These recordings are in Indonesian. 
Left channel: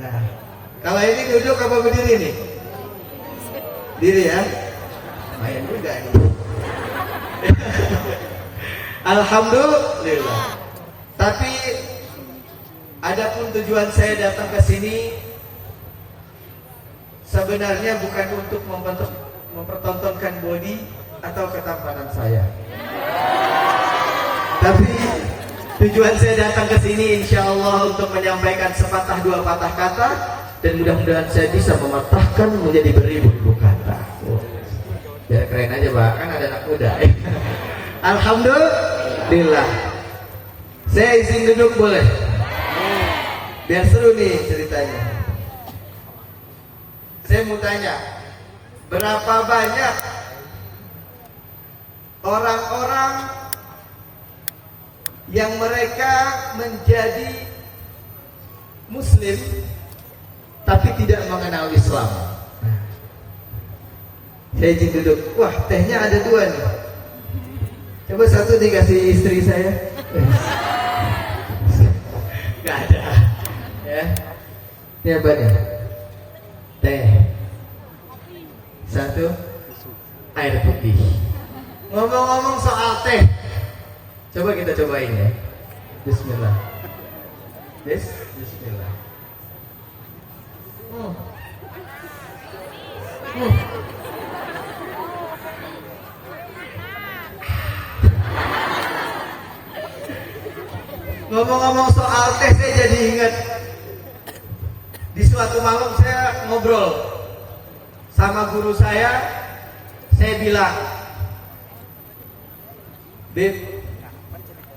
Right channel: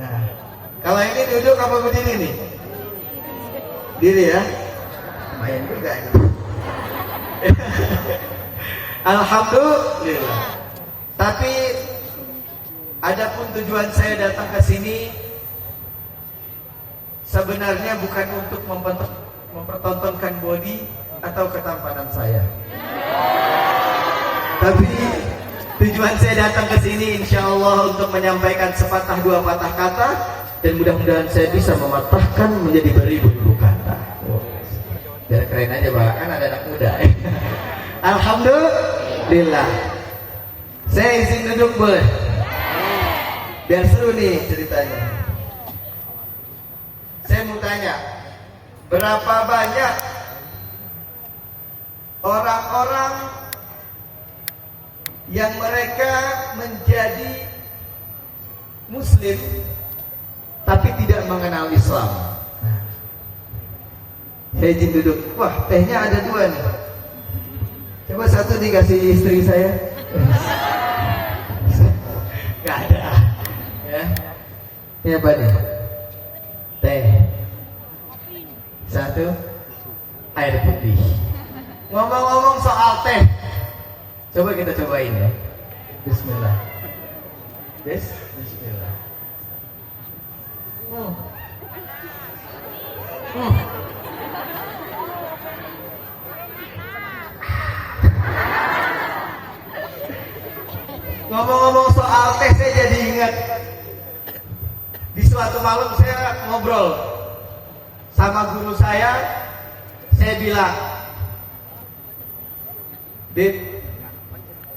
Nah, kalau ini duduk apa berdiri nih? Diri ya? Lumayan juga ini. Alhamdulillah. Tapi adapun tujuan saya datang ke sini sebenarnya bukan untuk mempertontonkan body atau ketampanan saya. Tapi tujuan saya datang ke sini insya Allah untuk menyampaikan sepatah dua patah kata dan mudah-mudahan saya bisa mematahkan menjadi beribu-ribu kata. Biar keren aja Pak, kan ada anak muda. Alhamdulillah. Saya izin duduk boleh? Biar seru nih ceritanya. Saya mau tanya, berapa banyak orang-orang yang mereka menjadi Muslim tapi tidak mengenal Islam? Saya izin duduk. Wah, tehnya ada dua nih. Coba satu dikasih istri saya. Gak ada. Ya. Ini apa nih? Teh. Satu. Air putih. Ngomong-ngomong soal teh, coba kita cobain ya. Bismillah. Bismillah. Ngomong-ngomong soal teh, saya jadi ingat di suatu malam saya ngobrol sama guru saya bilang, Bib,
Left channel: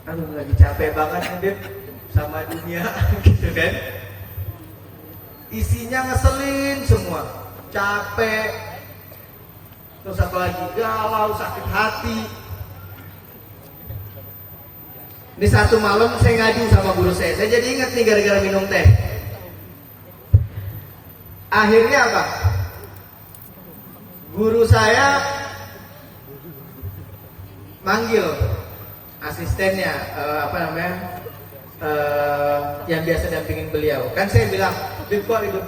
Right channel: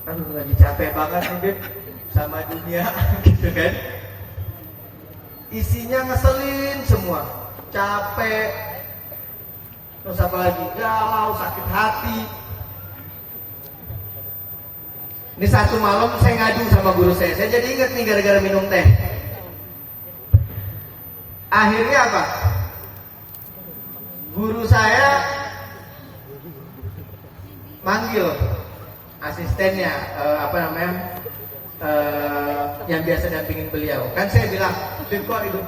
aduh lagi capek banget Bib sama dunia gitu kan. Isinya ngeselin semua, capek, terus apa lagi, galau, sakit hati. Ini satu malam saya ngadu sama guru saya jadi ingat nih gara-gara minum teh. Akhirnya apa? Guru saya manggil asistennya, yang biasa dampingin beliau. Kan saya bilang, Bib kok itu,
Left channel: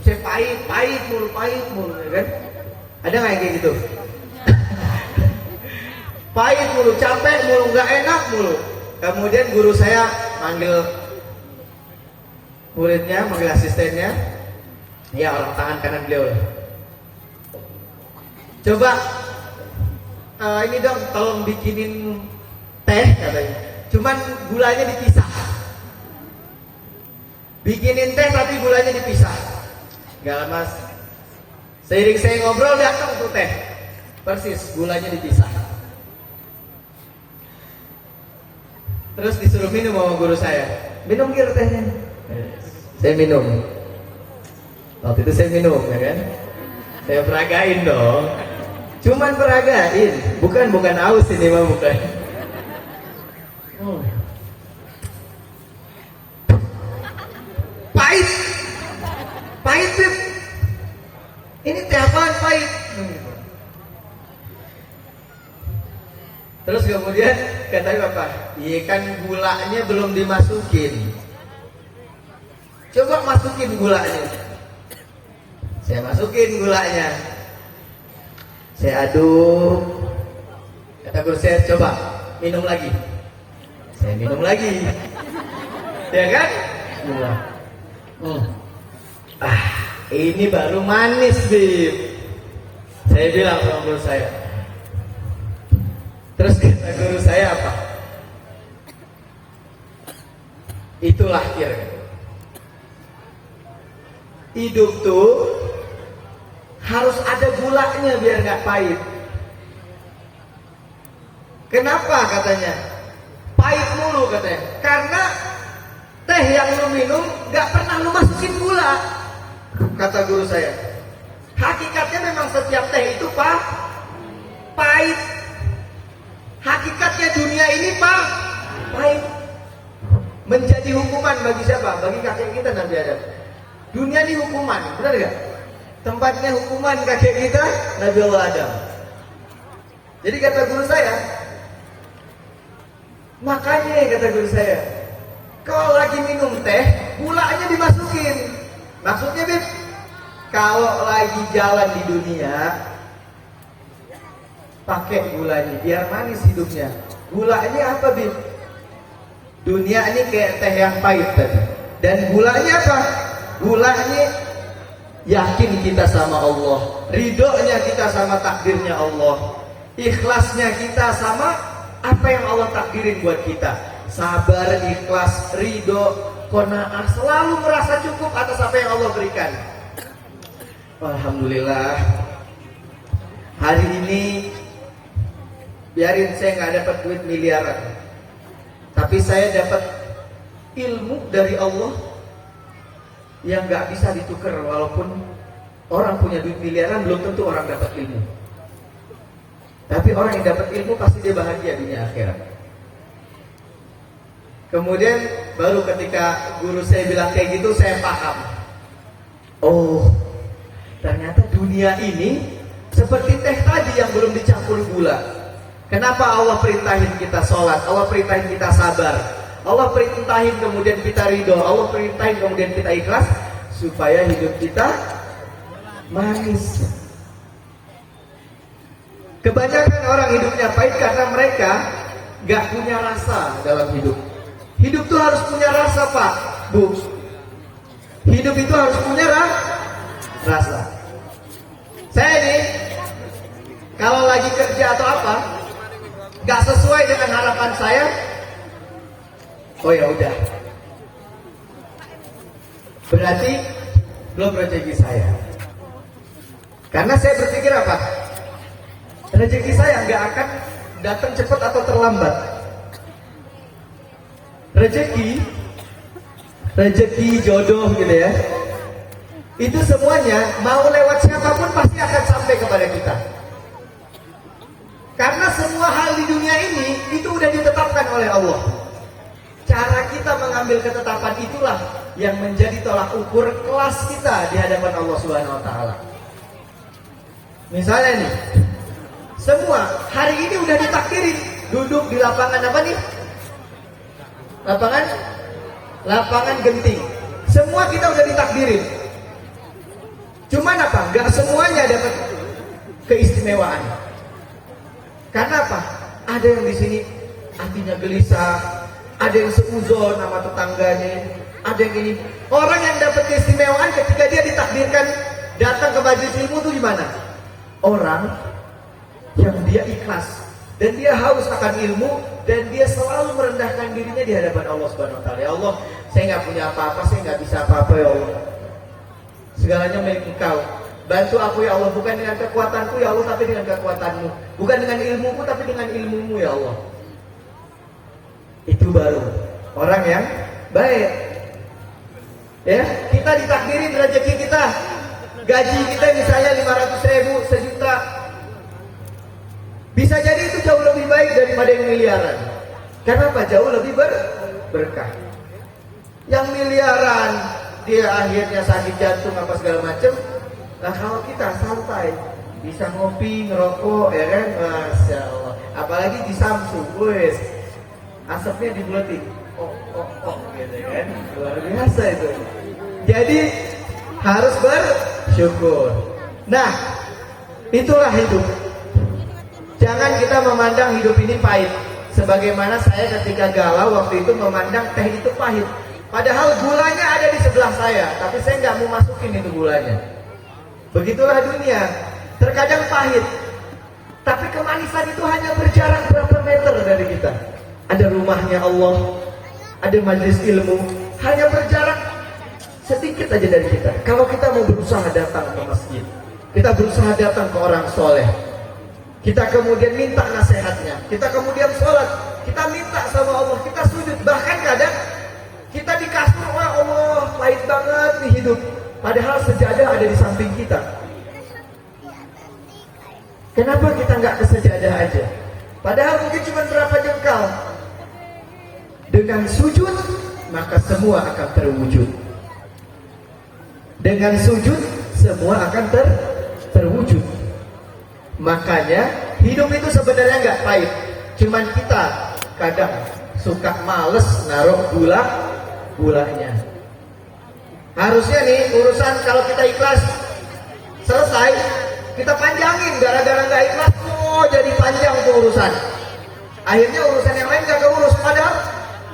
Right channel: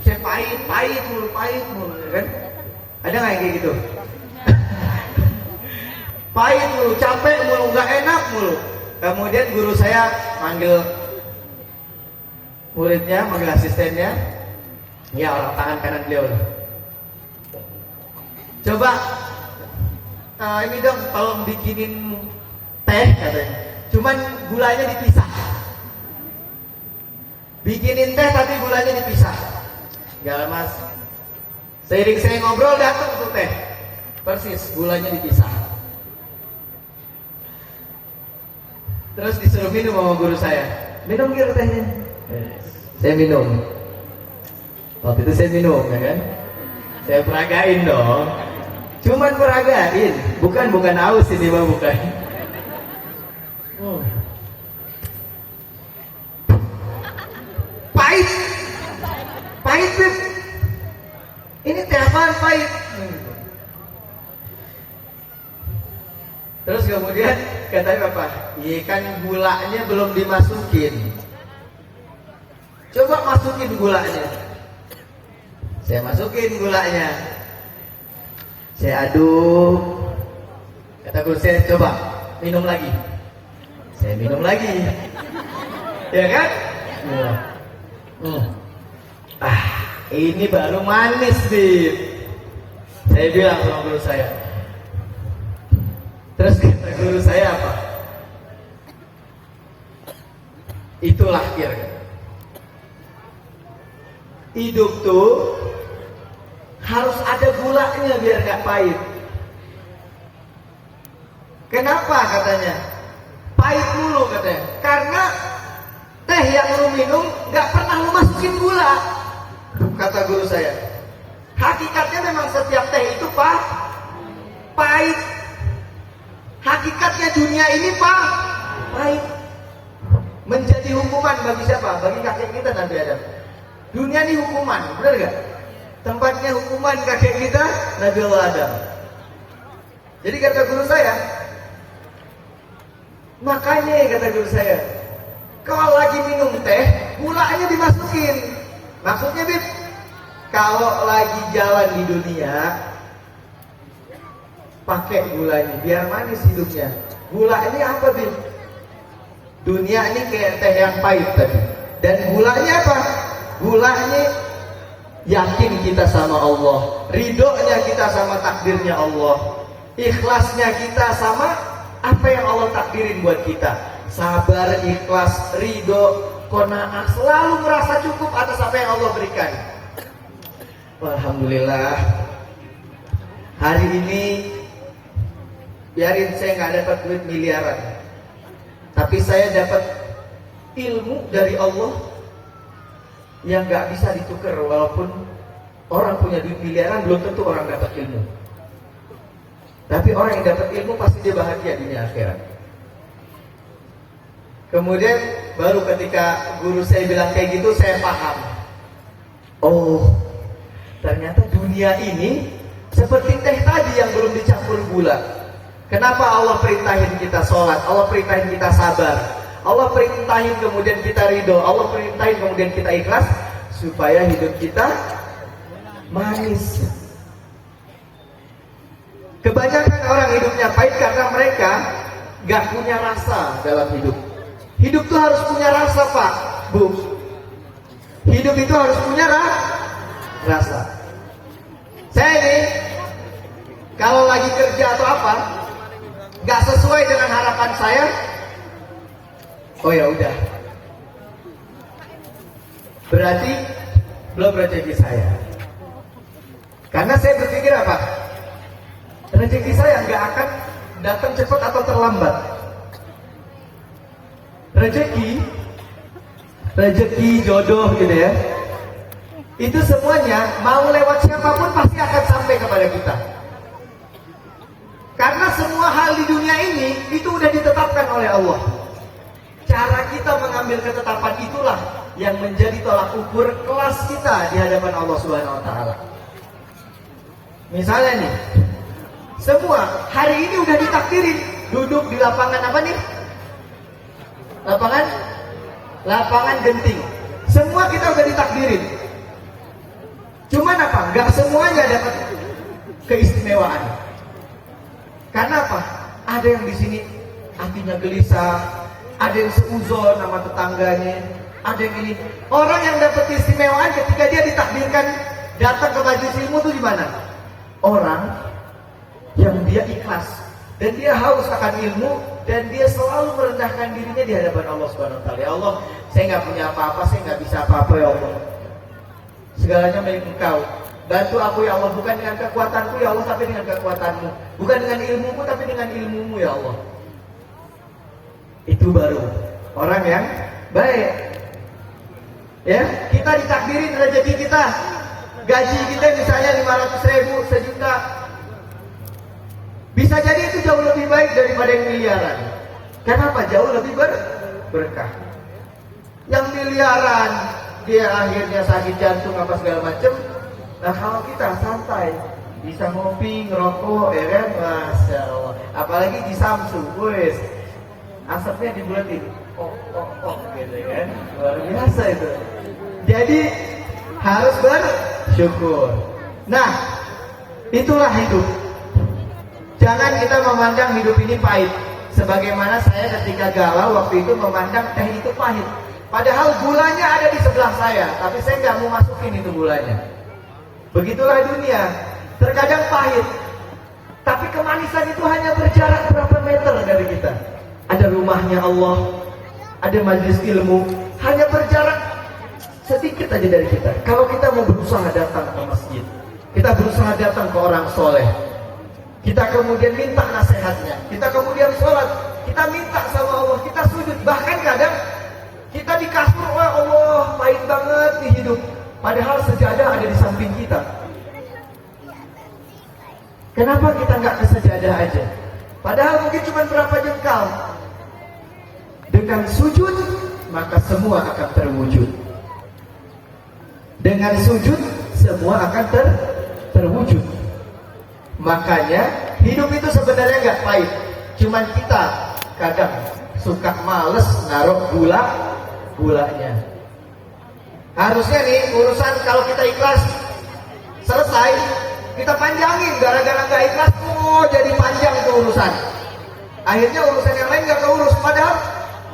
saya pahit mulu, kan? Ada nggak yang kayak gitu? Pahit mulu, capek mulu, nggak enak mulu. Kemudian guru saya manggil muridnya, manggil asistennya. Ya, orang tangan kanan beliau. Coba ini dong, tolong bikinin teh katanya. Cuman gulanya dipisah. Bikinin teh tapi gulanya dipisah. Gak mas. Seiring saya ngobrol datang tuh teh. Persis, gulanya dipisah. Terus disuruh minum sama guru saya. Minum kira tehnya. Saya minum. Waktu itu saya minum, ya kan? Saya peragain dong. Cuman peragain, bukan aus ini mah bukan. Pahit Bib. Ini teh apaan pahit? Terus kemudian katanya apa? Iya kan gulanya belum dimasukin. Coba masukin gulanya. Saya masukin gulanya. Saya aduk. Kata guru saya, coba minum lagi. Saya minum lagi. Ya kan? Ya. Ini baru manis, Bib. Saya bilang sama guru saya. Terus kata guru saya apa? Itulah kira. Hidup tuh harus ada gulanya biar gak pahit. Kenapa katanya? Pahit dulu katanya. Karena teh yang lu minum gak pernah lu masukin gula. Kata guru saya. Hakikatnya memang setiap teh itu pahit. Hakikatnya dunia ini pahit. Menjadi hukuman bagi siapa? Bagi kakek kita nanti ada. Dunia ini hukuman, benar gak? Tempatnya hukuman kakek kita Nabi Allah Adam. Jadi kata guru saya, makanya kata guru saya, kalau lagi minum teh, gulanya dimasukin. Maksudnya Bib, kalau lagi jalan di dunia pakai gulanya biar manis hidupnya. Gulanya apa Bib? Dunia ini kayak teh yang pahit tadi. Dan gulanya apa? Gulanya yakin kita sama Allah, ridhonya kita sama takdirnya Allah, ikhlasnya kita sama apa yang Allah takdirin buat kita. Sabar, ikhlas, ridho, qanaah, selalu merasa cukup atas apa yang Allah berikan. Alhamdulillah. Hari ini biarin saya nggak dapat duit miliaran, tapi saya dapat ilmu dari Allah yang nggak bisa ditukar. Walaupun orang punya duit miliaran, belum tentu orang dapat ilmu. Tapi orang yang dapat ilmu pasti dia bahagia di akhirat. Kemudian baru ketika guru saya bilang kayak gitu, saya paham. Oh, ternyata dunia ini seperti teh tadi yang belum dicampur gula. Kenapa Allah perintahin kita sholat, Allah perintahin kita sabar, Allah perintahin kemudian kita ridho, Allah perintahin kemudian kita ikhlas, supaya hidup kita manis. Kebanyakan orang hidupnya pahit karena mereka gak punya rasa dalam hidup. Hidup itu harus punya rasa, Pak, Bu. Hidup itu harus punya rasa. Saya ini kalau lagi kerja atau apa gak sesuai dengan harapan saya, oh ya udah, berarti belum rezeki saya. Karena saya berpikir apa? Rezeki saya nggak akan datang cepat atau terlambat. Rezeki jodoh gitu ya, itu semuanya mau lewat siapapun pasti akan sampai kepada kita. Karena semua hal di dunia ini itu udah ditetapkan oleh Allah. Cara kita mengambil ketetapan itulah yang menjadi tolak ukur kelas kita di hadapan Allah Subhanahu wa taala. Misalnya nih, semua hari ini udah ditakdirin duduk di lapangan apa nih? Lapangan genting. Semua kita udah ditakdirin. Cuman apa? Gak semuanya dapat keistimewaan. Karena apa? Ada yang di sini hatinya gelisah, ada yang seuzon sama tetangganya, ada yang ini. Orang yang dapat keistimewaan ketika dia ditakdirkan datang ke majelis ilmu itu gimana? Orang yang dia ikhlas dan dia haus akan ilmu dan dia selalu merendahkan dirinya di hadapan Allah Subhanahu wa taala. Ya Allah, saya nggak punya apa-apa, saya nggak bisa apa-apa ya Allah. Segalanya milik Engkau. Bantu aku ya Allah, bukan dengan kekuatanku ya Allah, tapi dengan kekuatanmu. Bukan dengan ilmuku, tapi dengan ilmumu ya Allah. Itu baru orang yang baik. Ya, kita ditakdirin rezeki kita, gaji kita misalnya 500.000, sejuta. Bisa jadi itu jauh lebih baik daripada yang miliaran. Kenapa? Jauh lebih berkah. Yang miliaran dia akhirnya sakit jantung apa segala macam. Nah kalau kita santai, bisa ngopi, ngerokok, ya kan? Masya Allah. Apalagi di Samsung, wes asapnya dibulatin. Oh, gitu kan? Luar biasa itu. Jadi harus bersyukur. Nah, itulah hidup. Jangan kita memandang hidup ini pahit. Sebagaimana saya ketika galau waktu itu memandang teh itu pahit. Padahal gulanya ada di sebelah saya, tapi saya nggak mau masukin itu gulanya. Begitulah dunia, terkadang pahit, tapi kemanisan itu hanya berjarak berapa meter dari kita. Ada rumahnya Allah, ada majelis ilmu, hanya berjarak sedikit aja dari kita. Kalau kita mau berusaha datang ke masjid, kita berusaha datang ke orang soleh, kita kemudian minta nasihatnya, kita kemudian sholat, kita minta sama Allah, kita sujud, bahkan kadang kita di kasur, Allah pahit banget nih hidup. Padahal sejadah ada di samping kita. Kenapa kita nggak ke sejadah aja? Padahal mungkin cuma berapa jengkal. Dengan sujud, maka semua akan terwujud. Dengan sujud, semua akan terwujud. Makanya hidup itu sebenarnya nggak pahit. Cuman kita kadang suka males naruh gulanya. Harusnya nih urusan kalau kita ikhlas selesai, kita panjangin. Gara-gara gak ikhlas, jadi panjang tuh urusan. Akhirnya urusan yang lain gak keurus. Padahal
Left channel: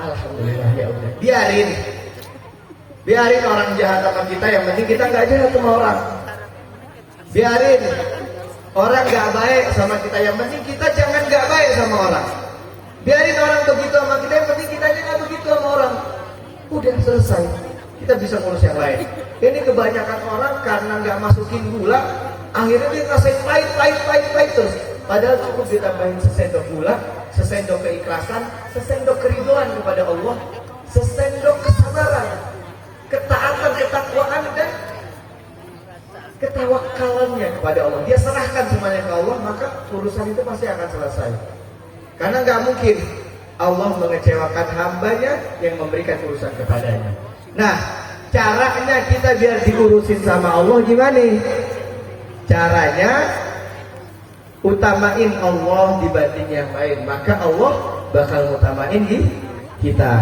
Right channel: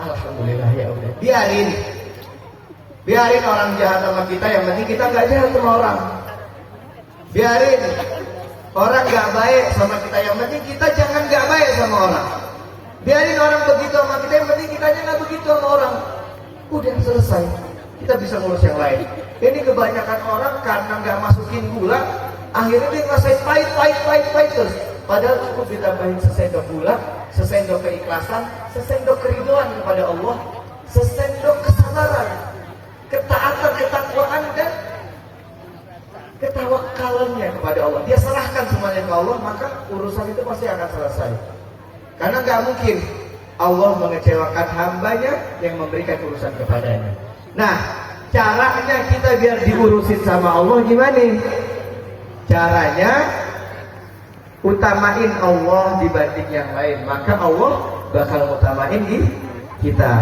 alhamdulillah ya Allah. Biarin orang jahat sama kita, yang penting kita gak jahat sama orang. Biarin orang gak baik sama kita, yang penting kita jangan gak baik sama orang. Biarin orang begitu sama kita, yang penting kita gak begitu sama orang. Udah selesai, kita bisa ngurus yang lain. Ini kebanyakan orang karena gak masukin gula, akhirnya dia ngerasain pahit terus. Padahal cukup ditambahin sesendok gula, sesendok keikhlasan, sesendok keriduan kepada Allah, sesendok kesabaran, ketaatan, ketakwaan, dan ketawakalannya kepada Allah. Dia serahkan semuanya ke Allah, maka urusan itu pasti akan selesai. Karena gak mungkin Allah mengecewakan hambanya yang memberikan urusan kepadanya. Nah, caranya kita biar diurusin sama Allah gimana? Caranya utamain Allah dibanding yang lain, maka Allah bakal utamain di kita.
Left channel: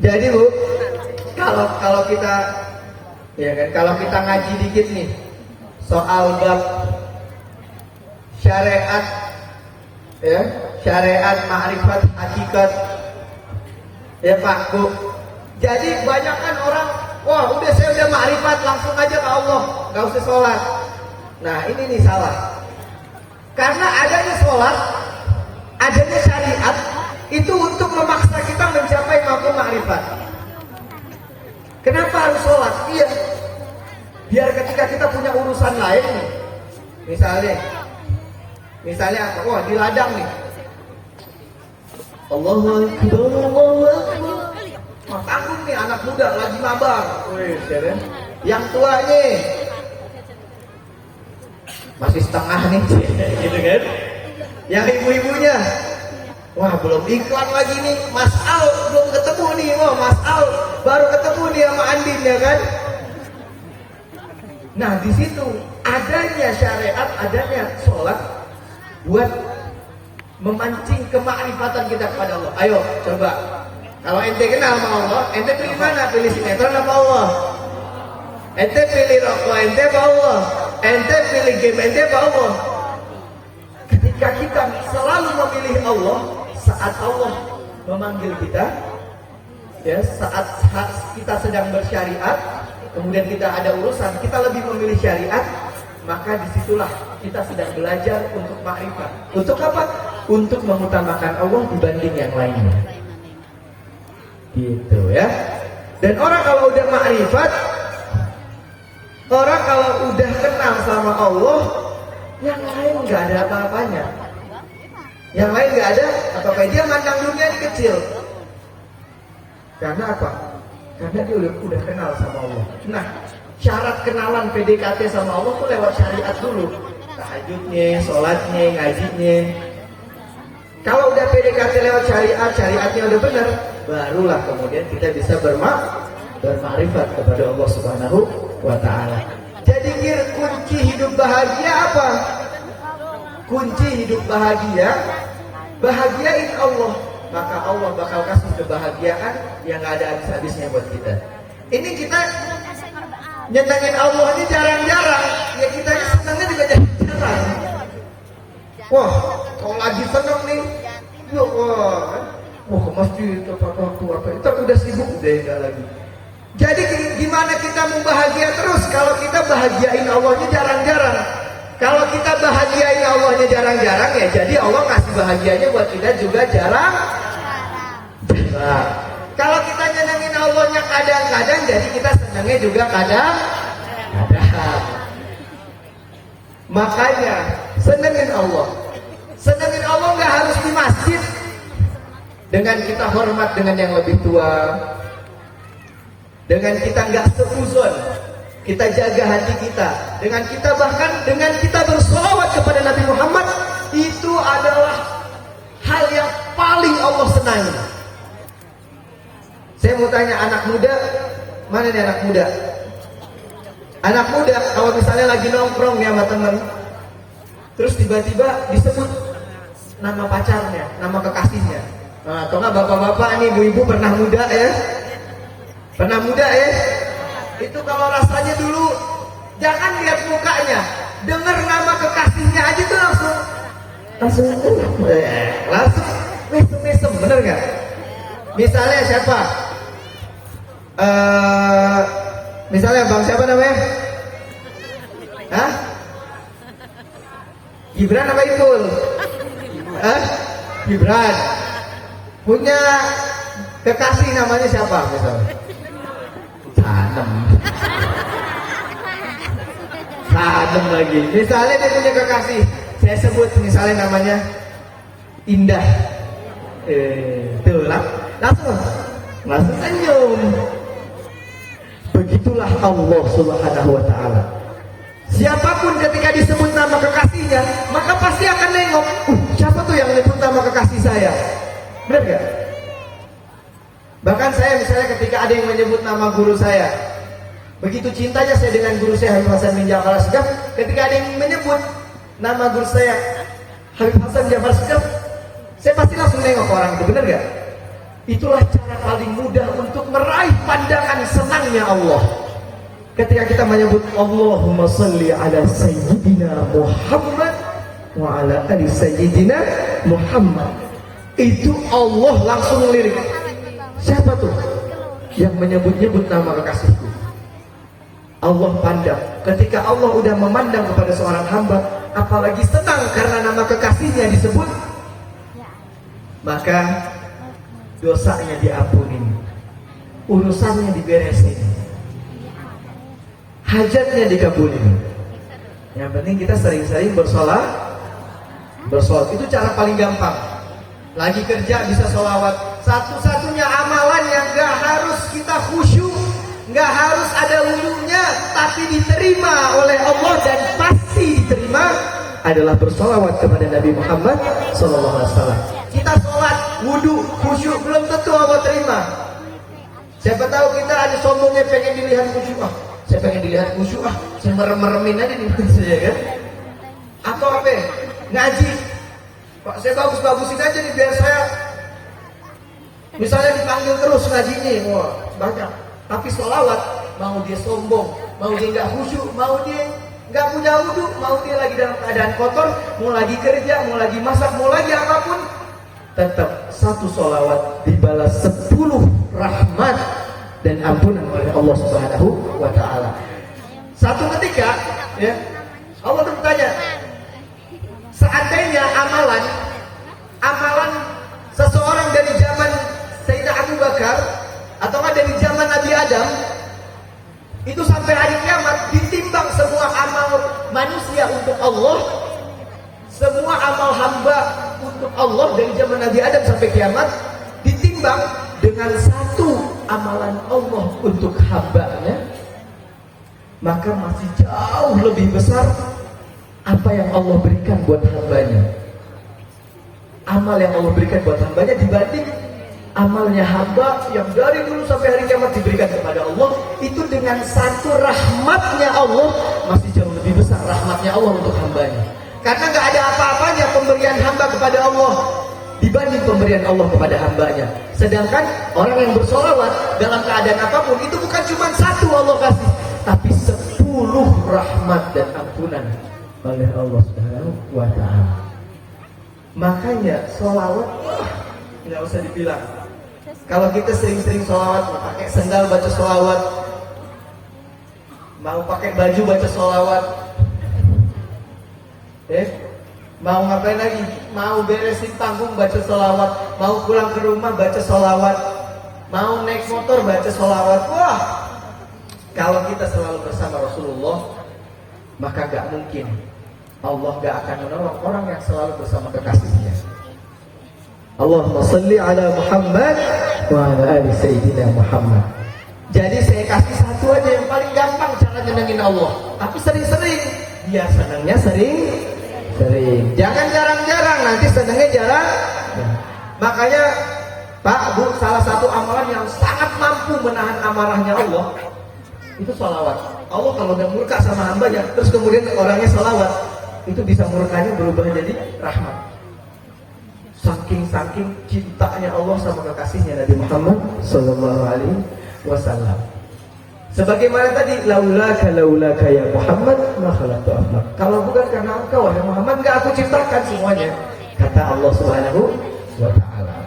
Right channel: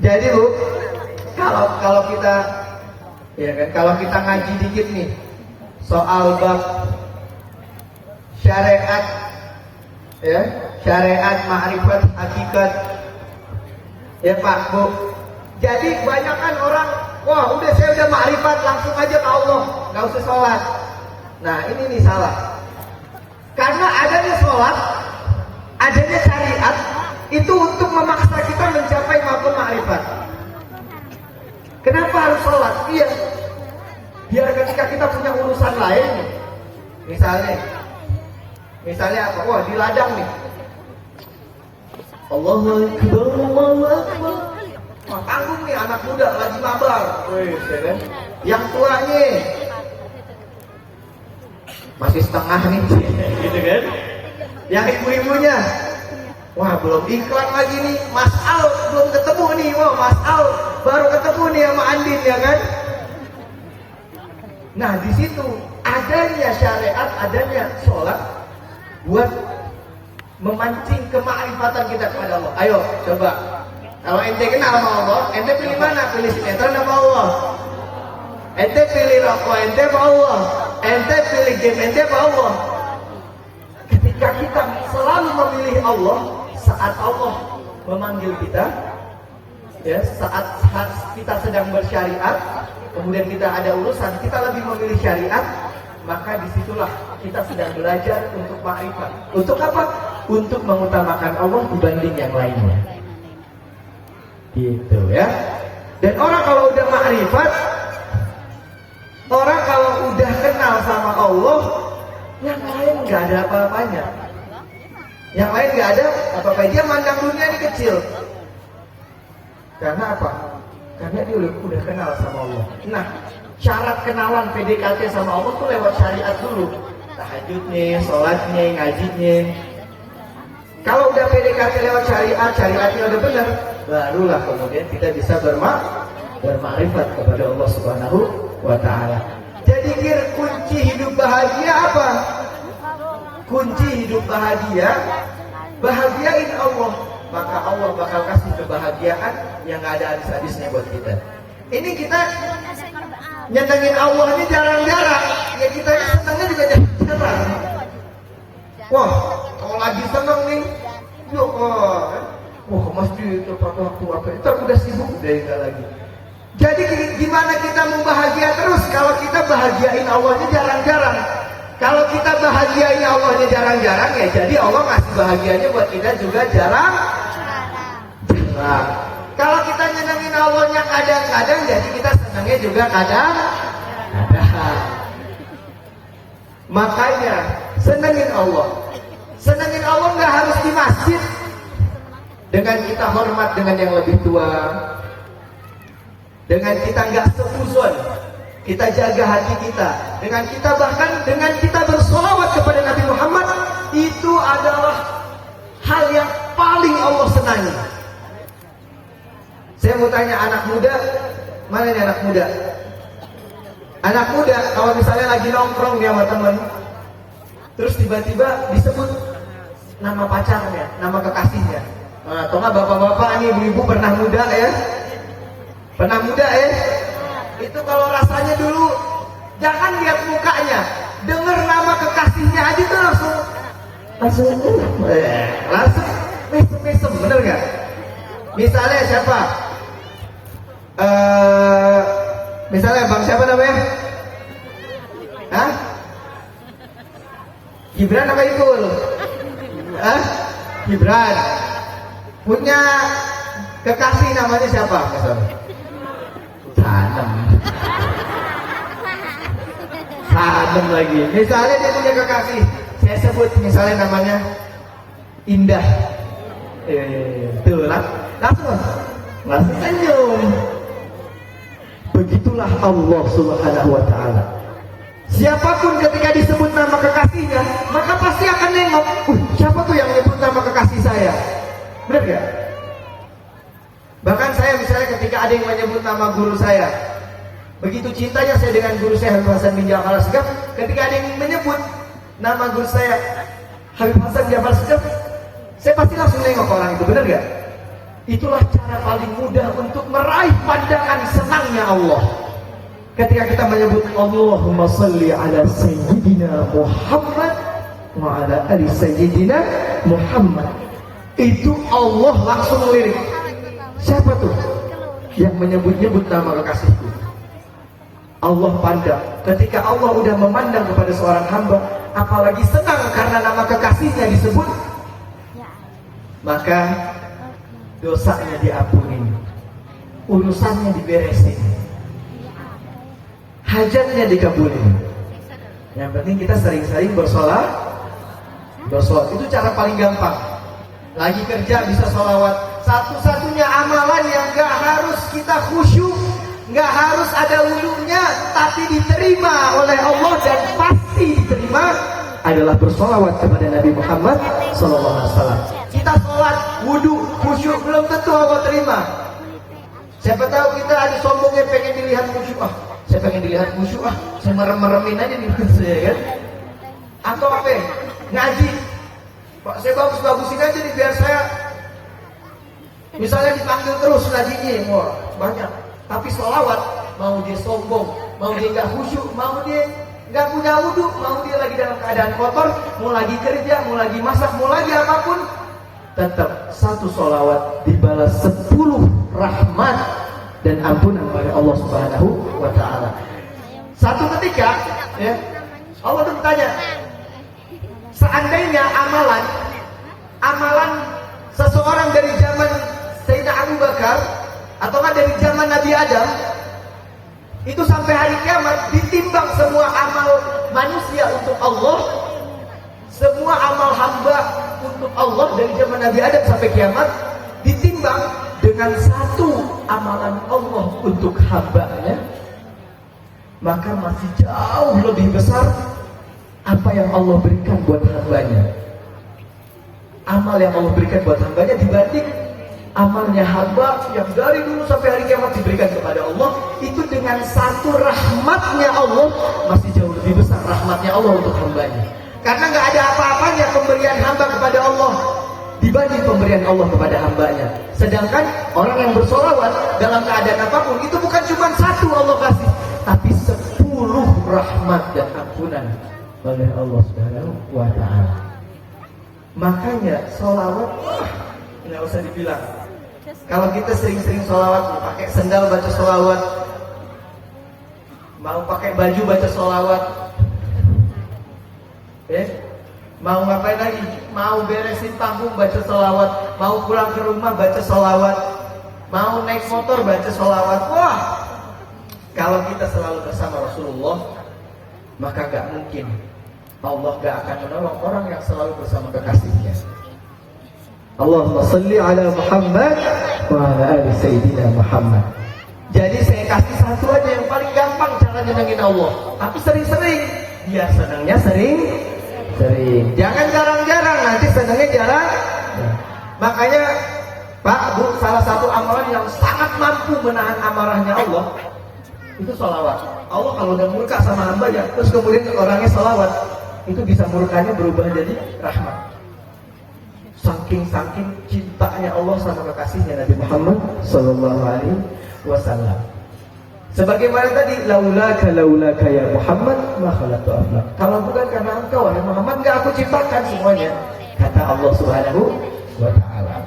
Jadi Bu, kalau kita ya kan, kalau kita ngaji dikit nih soal bab syariat, ya, syariat, ma'rifat, hakikat, ya Pak Bu. Jadi banyak kan orang, wah udah saya udah ma'rifat langsung aja ke Allah, nggak usah sholat. Nah ini nih salah. Karena adanya sholat, adanya syariat itu untuk memaksa kita mencapai maqam ma'rifat. Kenapa harus sholat? Iya, biar ketika kita punya urusan lain, misalnya apa? Wah di ladang nih, Allahu Akbar, tanggung nih anak muda lagi mabar, ya kan? Yang tuanya masih setengah nih, gitu kan? Yang ibu-ibunya, wah belum iklan lagi nih, Mas Al belum ketemu nih, wah Mas Al baru ketemu nih sama Andin, ya kan? Nah di situ adanya syariat, adanya sholat buat memancing kemakrifatan kita kepada Allah. Ayo coba, kalau ente kenal sama Allah, ente pilih mana? Pilih sinetron apa Allah? Ente pilih rokok, ente apa Allah? Ente pilih game, ente apa Allah? Ketika kita selalu memilih Allah, saat Allah memanggil kita, ya, saat kita sedang bersyariat, kemudian kita ada urusan, kita lebih memilih syariat, maka disitulah kita sedang belajar untuk makrifat. Untuk apa? Untuk mengutamakan Allah dibanding yang lainnya. Gitu ya. Dan orang kalau udah makrifat, orang kalau udah kenal sama Allah, yang lain nggak ada apa-apanya. Yang lain nggak ada apa-apa. Dia mandang dunia ini kecil. Karena apa? Karena dia udah kenal sama Allah. Nah, syarat kenalan PDKT sama Allah tuh lewat syariat dulu. Tahajudnya, sholatnya, ngajinya. Kalau udah PDKT lewat syariat, syariatnya udah benar, barulah kemudian kita bisa bermakrifat kepada Allah Subhanahu wa Ta'ala. Jadi kunci hidup bahagia apa? Kunci hidup bahagia, bahagiain Allah, maka Allah bakal kasih kebahagiaan yang gak ada habis-habisnya buat kita. Ini kita nyenengin Allah ini jarang-jarang, ya kita ini senengnya juga jarang-jarang. Wah, kalau lagi seneng nih, yuk, mau ke masjid atau apa, itu udah sibuk udah ya lagi. Jadi gimana kita membahagia terus kalau kita bahagiain Allahnya jarang-jarang? Kalau kita bahagiain Allahnya jarang-jarang, ya jadi Allah kasih bahagianya buat kita juga jarang. Nah, kalau kita nyenengin Allahnya kadang-kadang, jadi kita senangnya juga kadang-kadang. Makanya senengin Allah. Senengin Allah nggak harus di masjid. Dengan kita hormat dengan yang lebih tua, dengan kita nggak seuzon, kita jaga hati kita, dengan kita bahkan dengan kita bersolawat kepada Nabi Muhammad, itu adalah hal yang paling Allah senangi. Saya mau tanya anak muda, mana nih anak muda? Anak muda kalau misalnya lagi nongkrong ya sama teman, terus tiba-tiba disebut nama pacarnya, nama kekasihnya, atau nggak bapak-bapak nih, ibu-ibu pernah muda ya, Pernah muda ya? Itu kalau rasanya dulu, jangan lihat mukanya, dengar nama kekasihnya aja tuh langsung, wih, bener gak? Misalnya siapa? Misalnya bang siapa namanya? Hah? Gibran apa Ikul? Hah? Gibran. Punya kekasih namanya siapa? Misalnya? Adem lagi. Misalnya dia punya kekasih, saya sebut misalnya namanya Indah. Tuh lah, langsung senyum. Begitulah Allah Subhanahu wa Ta'ala. Siapapun ketika disebut nama kekasihnya, maka pasti akan nengok. Siapa tuh yang menyebut nama kekasih saya? Benar gak? Bahkan saya misalnya ketika ada yang menyebut nama guru saya, begitu cintanya saya dengan guru saya Habib Hasan bin Ja'far As-Segaf, ketika ada yang menyebut nama guru saya Habib Hasan bin Ja'far As-Segaf, saya pasti langsung nengok orang itu, benar gak? Itulah cara paling mudah untuk meraih pandangan senangnya Allah. Ketika kita menyebut Allahumma salli ala Sayyidina Muhammad wa ala ali Sayyidina Muhammad, itu Allah langsung melirik. Siapa tuh yang menyebut-nyebut nama kekasihku? Allah pandang. Ketika Allah udah memandang kepada seorang hamba, apalagi senang karena nama kekasihnya disebut, maka dosanya diampuni, urusannya diberesin, hajatnya dikabulin. Yang penting kita sering-sering bersolat. Itu cara paling gampang. Lagi kerja bisa sholawat. Satu-satunya amalan yang gak harus kita khusyuk, gak harus ada wudhunya, tapi diterima oleh Allah dan pasti diterima, adalah bersolawat kepada Nabi Muhammad SAW. Kita sholat, wudhu, khusyuk, belum tentu Allah terima. Siapa tahu kita ada sombongnya pengen dilihat khusyuk. Saya pengen dilihat khusyuk, saya merem-meremin aja nih saya kan. Atau apa ya? Ngaji. Pak, saya bagus-bagusin aja nih biar saya misalnya dipanggil terus ngajinya, wah banyak. Tapi sholawat, mau dia sombong, mau dia nggak khusyuk, mau dia nggak punya wudhu, mau dia lagi dalam keadaan kotor, mau lagi kerja, mau lagi masak, mau lagi apapun, tetap satu sholawat dibalas 10 rahmat dan ampunan oleh Allah Subhanahu wa Ta'ala. Satu ketika, ya, Allah bertanya, seandainya amalan seseorang dari zaman Sayyidina Abu Bakar atau dari zaman Nabi Adam itu sampai hari kiamat ditimbang semua amal manusia untuk Allah, semua amal hamba untuk Allah dari zaman Nabi Adam sampai kiamat ditimbang dengan satu amalan Allah untuk hambanya, maka masih jauh lebih besar apa yang Allah berikan buat hambanya. Amal yang Allah berikan buat hambanya dibanding amalnya hamba yang dari dulu sampai hari kiamat diberikan kepada Allah, itu dengan satu rahmatnya Allah masih jauh lebih besar rahmatnya Allah untuk hambanya. Karena gak ada apa-apanya pemberian hamba kepada Allah dibanding pemberian Allah kepada hambanya. Sedangkan orang yang bersolawat dalam keadaan apapun, itu bukan cuma satu Allah kasih, tapi 10 rahmat dan ampunan oleh Allah Subhanahu wa Ta'ala. Makanya solawat nggak usah dibilang. Kalau kita sering-sering solawat, pakai sendal baca solawat, mau pakai baju baca solawat, mau ngapain lagi? Mau beresin panggung baca solawat, mau pulang ke rumah baca solawat, mau naik motor baca solawat. Wah, kalau kita selalu bersama Rasulullah, maka gak mungkin Allah gak akan menolong orang yang selalu bersama kekasihnya. Allahumma salli ala Muhammad wa ala ali Sayyidina Muhammad. Jadi saya kasih satu aja yang paling gampang cara nyenengin Allah, tapi sering-sering. Biar senangnya sering. Jangan jarang-jarang, nanti senangnya jarang. Makanya Pak, Bu, salah satu amalan yang sangat mampu menahan amarahnya Allah itu salawat. Allah kalau udah murka sama hambanya, terus kemudian orangnya salawat, itu bisa murkanya berubah jadi rahmat. Saking cintanya Allah sama kekasihnya Nabi Muhammad Sallallahu Alaihi wasallam. Sebagaimana tadi, laulaka ya Muhammad ma khalaqtu aflak. Kalau bukan karena engkau wahai Muhammad, enggak aku ciptakan semuanya, kata Allah Subhanahu wa taala.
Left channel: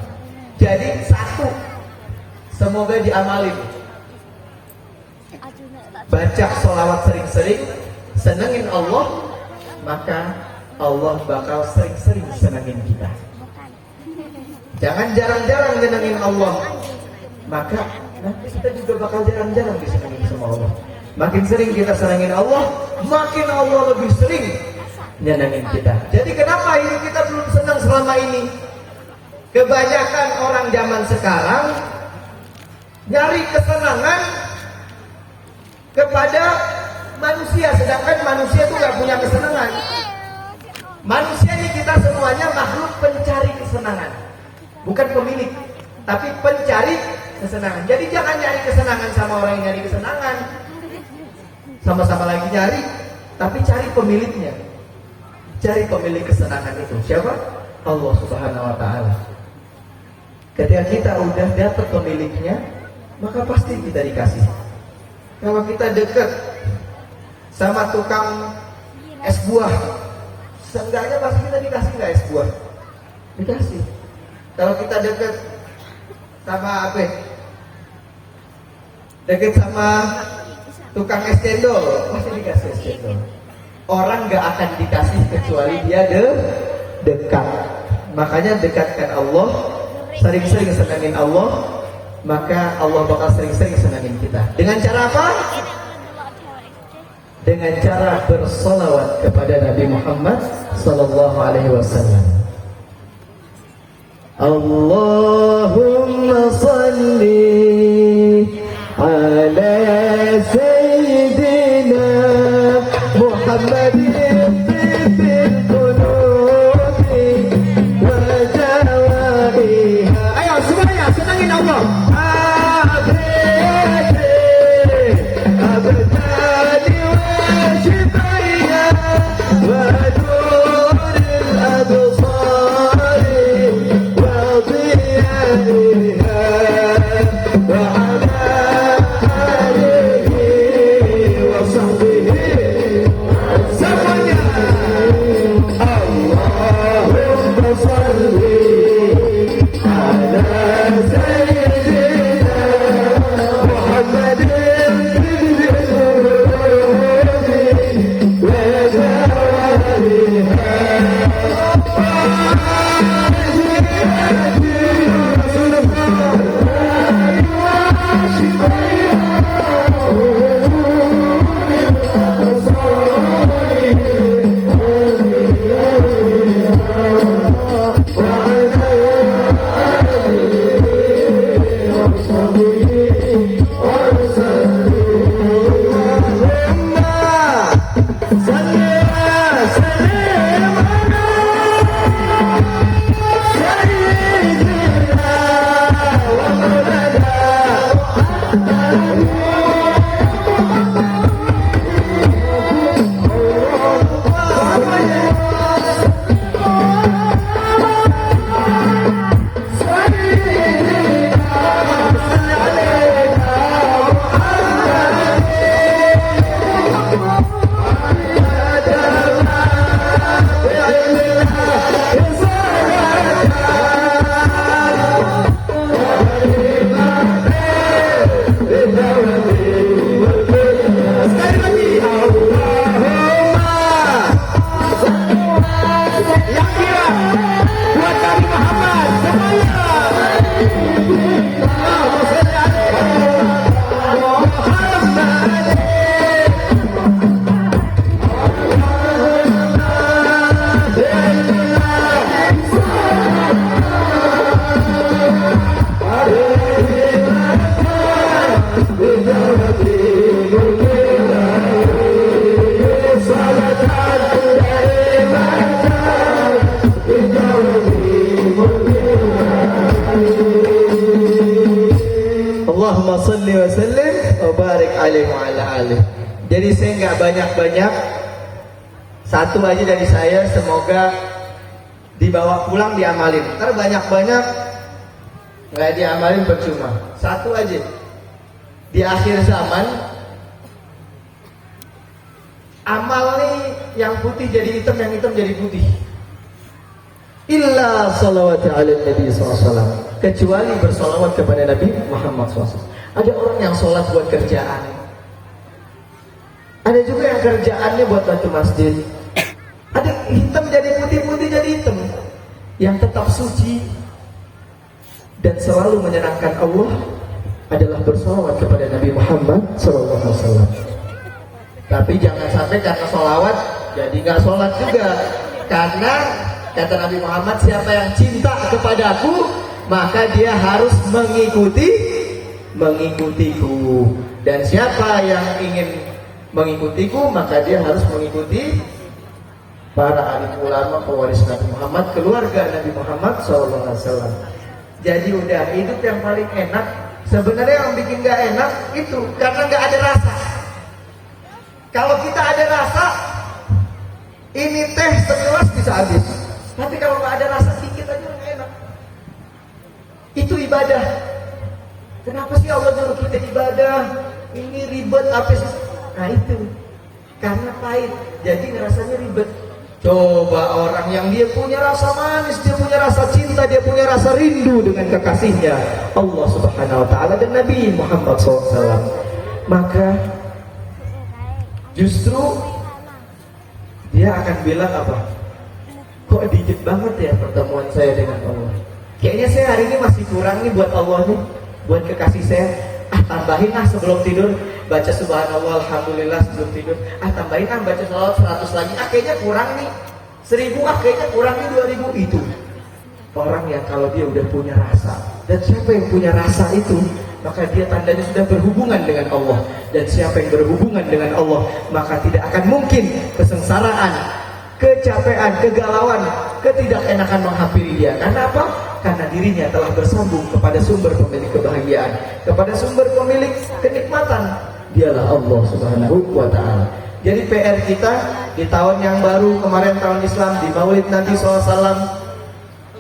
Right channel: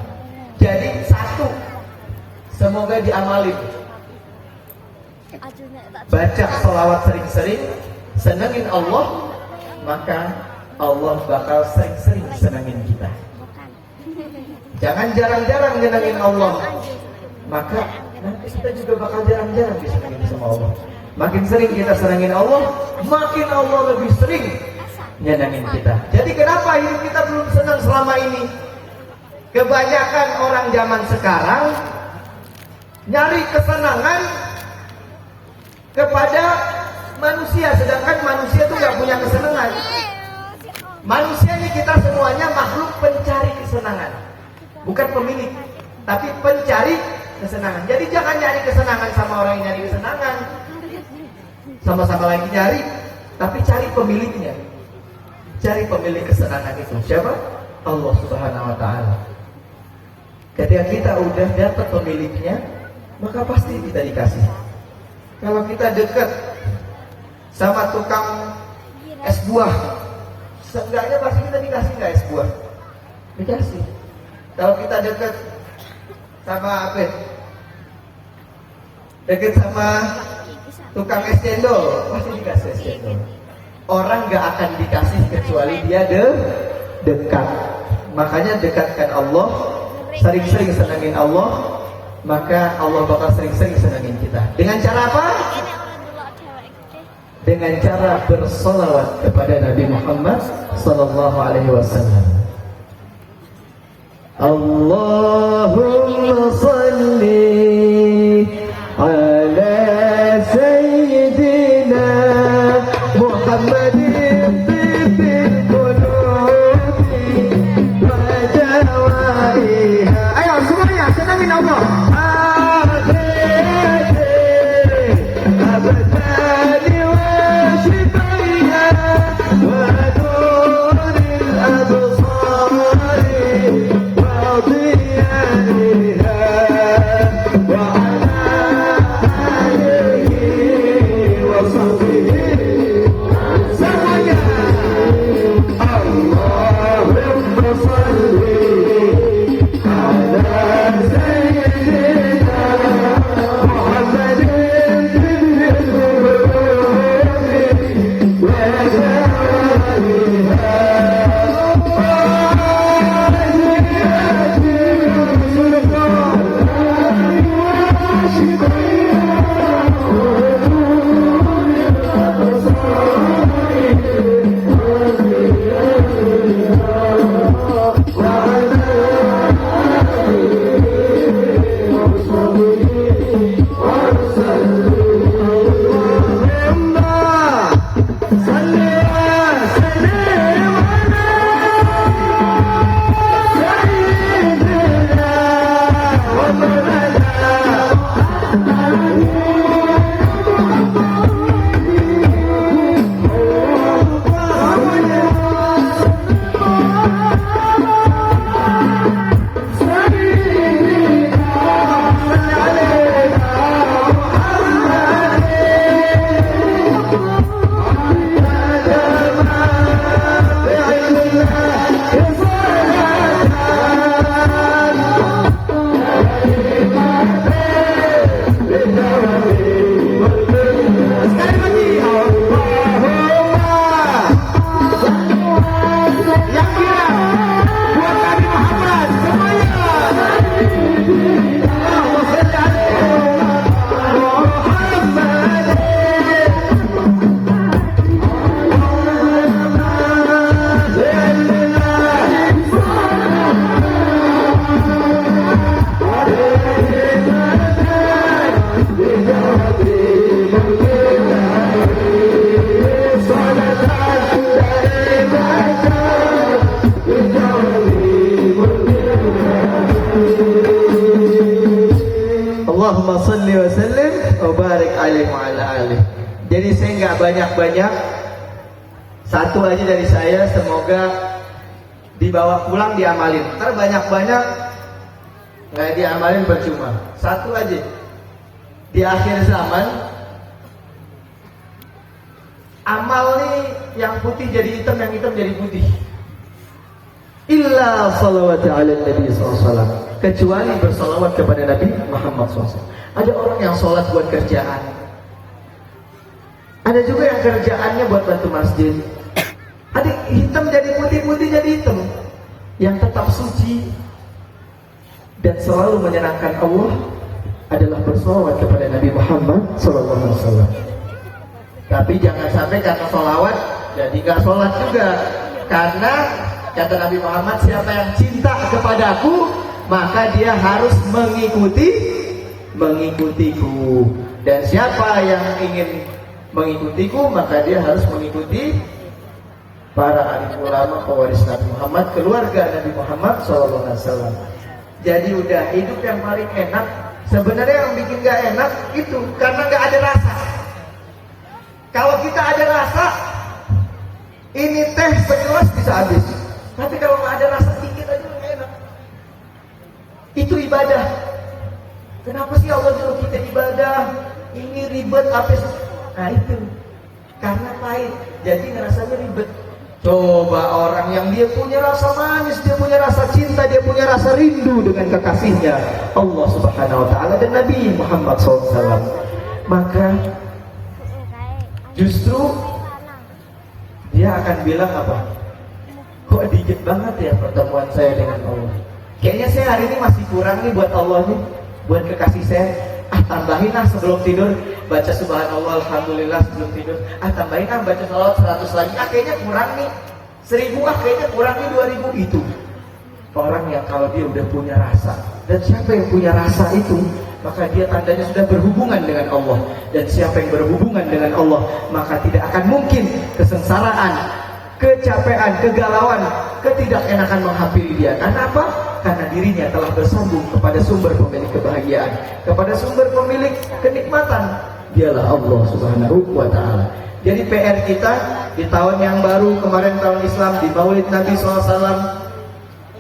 Jadi satu, semoga diamali. Baca sholawat sering-sering, senengin Allah, maka Allah bakal sering-sering senengin kita. Jangan jarang-jarang nyenengin Allah, maka nanti kita juga bakal jarang-jarang disenengin sama Allah. Makin sering kita senengin Allah, makin Allah lebih sering nyenengin kita. Jadi kenapa hidup kita belum senang selama ini? Kebanyakan orang zaman sekarang nyari kesenangan kepada manusia, sedangkan manusia itu nggak punya kesenangan. Manusia ini kita semuanya makhluk pencari kesenangan, bukan pemilik, tapi pencari kesenangan. Jadi jangan nyari kesenangan sama orang yang nyari kesenangan, sama-sama lagi nyari, tapi cari pemiliknya. Cari pemilik kesenangan itu siapa? Allah Subhanahu wa taala. Ketika kita udah dapat pemiliknya, maka pasti kita dikasih. Kalau kita dekat sama tukang es buah, seenggaknya pasti kita dikasih nggak es buah? Dikasih. Kalau kita dekat sama apa? Dekat sama tukang es cendol, pasti dikasih es cendol. Orang nggak akan dikasih kecuali dia dekat. Makanya dekatkan Allah, sering-sering senangin Allah, maka Allah bakal sering-sering senangin kita. Dengan cara apa? Dengan cara bersolawat kepada Nabi Muhammad sallallahu alaihi wasallam. Allahumma salli ala sayyidina Muhammadin. Allahumma salli wa sallim wa barik alaihi wa ala alihi. Jadi saya nggak banyak-banyak, satu aja dari saya, semoga dibawa pulang diamalin. Kalau banyak-banyak nggak diamalin percuma. Satu aja, di akhir zaman amal nih yang putih jadi hitam, yang hitam jadi putih. Illa salawat ala Nabi SAW, kecuali bersalawat kepada Nabi Muhammad SAW. Ada orang yang sholat buat kerjaan, ada juga yang kerjaannya buat bantu masjid. Ada hitam jadi putih, putih jadi hitam. Yang tetap suci dan selalu menyenangkan Allah adalah bersalawat kepada Nabi Muhammad SAW. Tapi jangan sampai karena sholawat jadi gak sholat juga. Karena kata Nabi Muhammad, siapa yang cinta kepadaku maka dia harus mengikutiku. Dan siapa yang ingin mengikutiku maka dia harus mengikuti para alim ulama pewaris Nabi Muhammad, keluarga Nabi Muhammad SAW. Jadi udah hidup yang paling enak. Sebenarnya yang bikin gak enak itu karena gak ada rasa. Kalau kita ada rasa, ini teh segelas bisa habis. Tapi kalau gak ada rasa dikit aja gak enak. Itu ibadah. Kenapa sih Allah nyuruh kita ibadah? Ini ribet apa sih? Nah itu karena pahit, jadi rasanya ribet. Coba orang yang dia punya rasa manis, dia punya rasa cinta, dia punya rasa rindu dengan kekasihnya Allah Subhanahu Wa Taala dan Nabi Muhammad SAW, maka justru dia akan bilang apa? Kok dikit banget ya pertemuan saya dengan Allah. Kayaknya saya hari ini masih kurang nih buat Allah nih, buat kekasih saya. Tambahin sebelum tidur baca subhanallah alhamdulillah sebelum tidur. Tambahin baca salawat 100 lagi. Kayaknya kurang nih 1000, kayaknya kurang nih 2000. Itu orang yang kalau dia udah punya rasa. Dan siapa yang punya rasa itu, maka dia tandanya sudah berhubungan dengan Allah. Dan siapa yang berhubungan dengan Allah, maka tidak akan mungkin kesengsaraan, kecapean, kegalauan, ketidakenakan menghampiri dia. Karena apa? Karena dirinya telah bersambung kepada sumber pemilik kebahagiaan, kepada sumber pemilik kenikmatan. Dialah Allah Subhanahu Wa Taala. Jadi PR kita di tahun yang baru kemarin, tahun Islam, di Maulid Nabi SAW,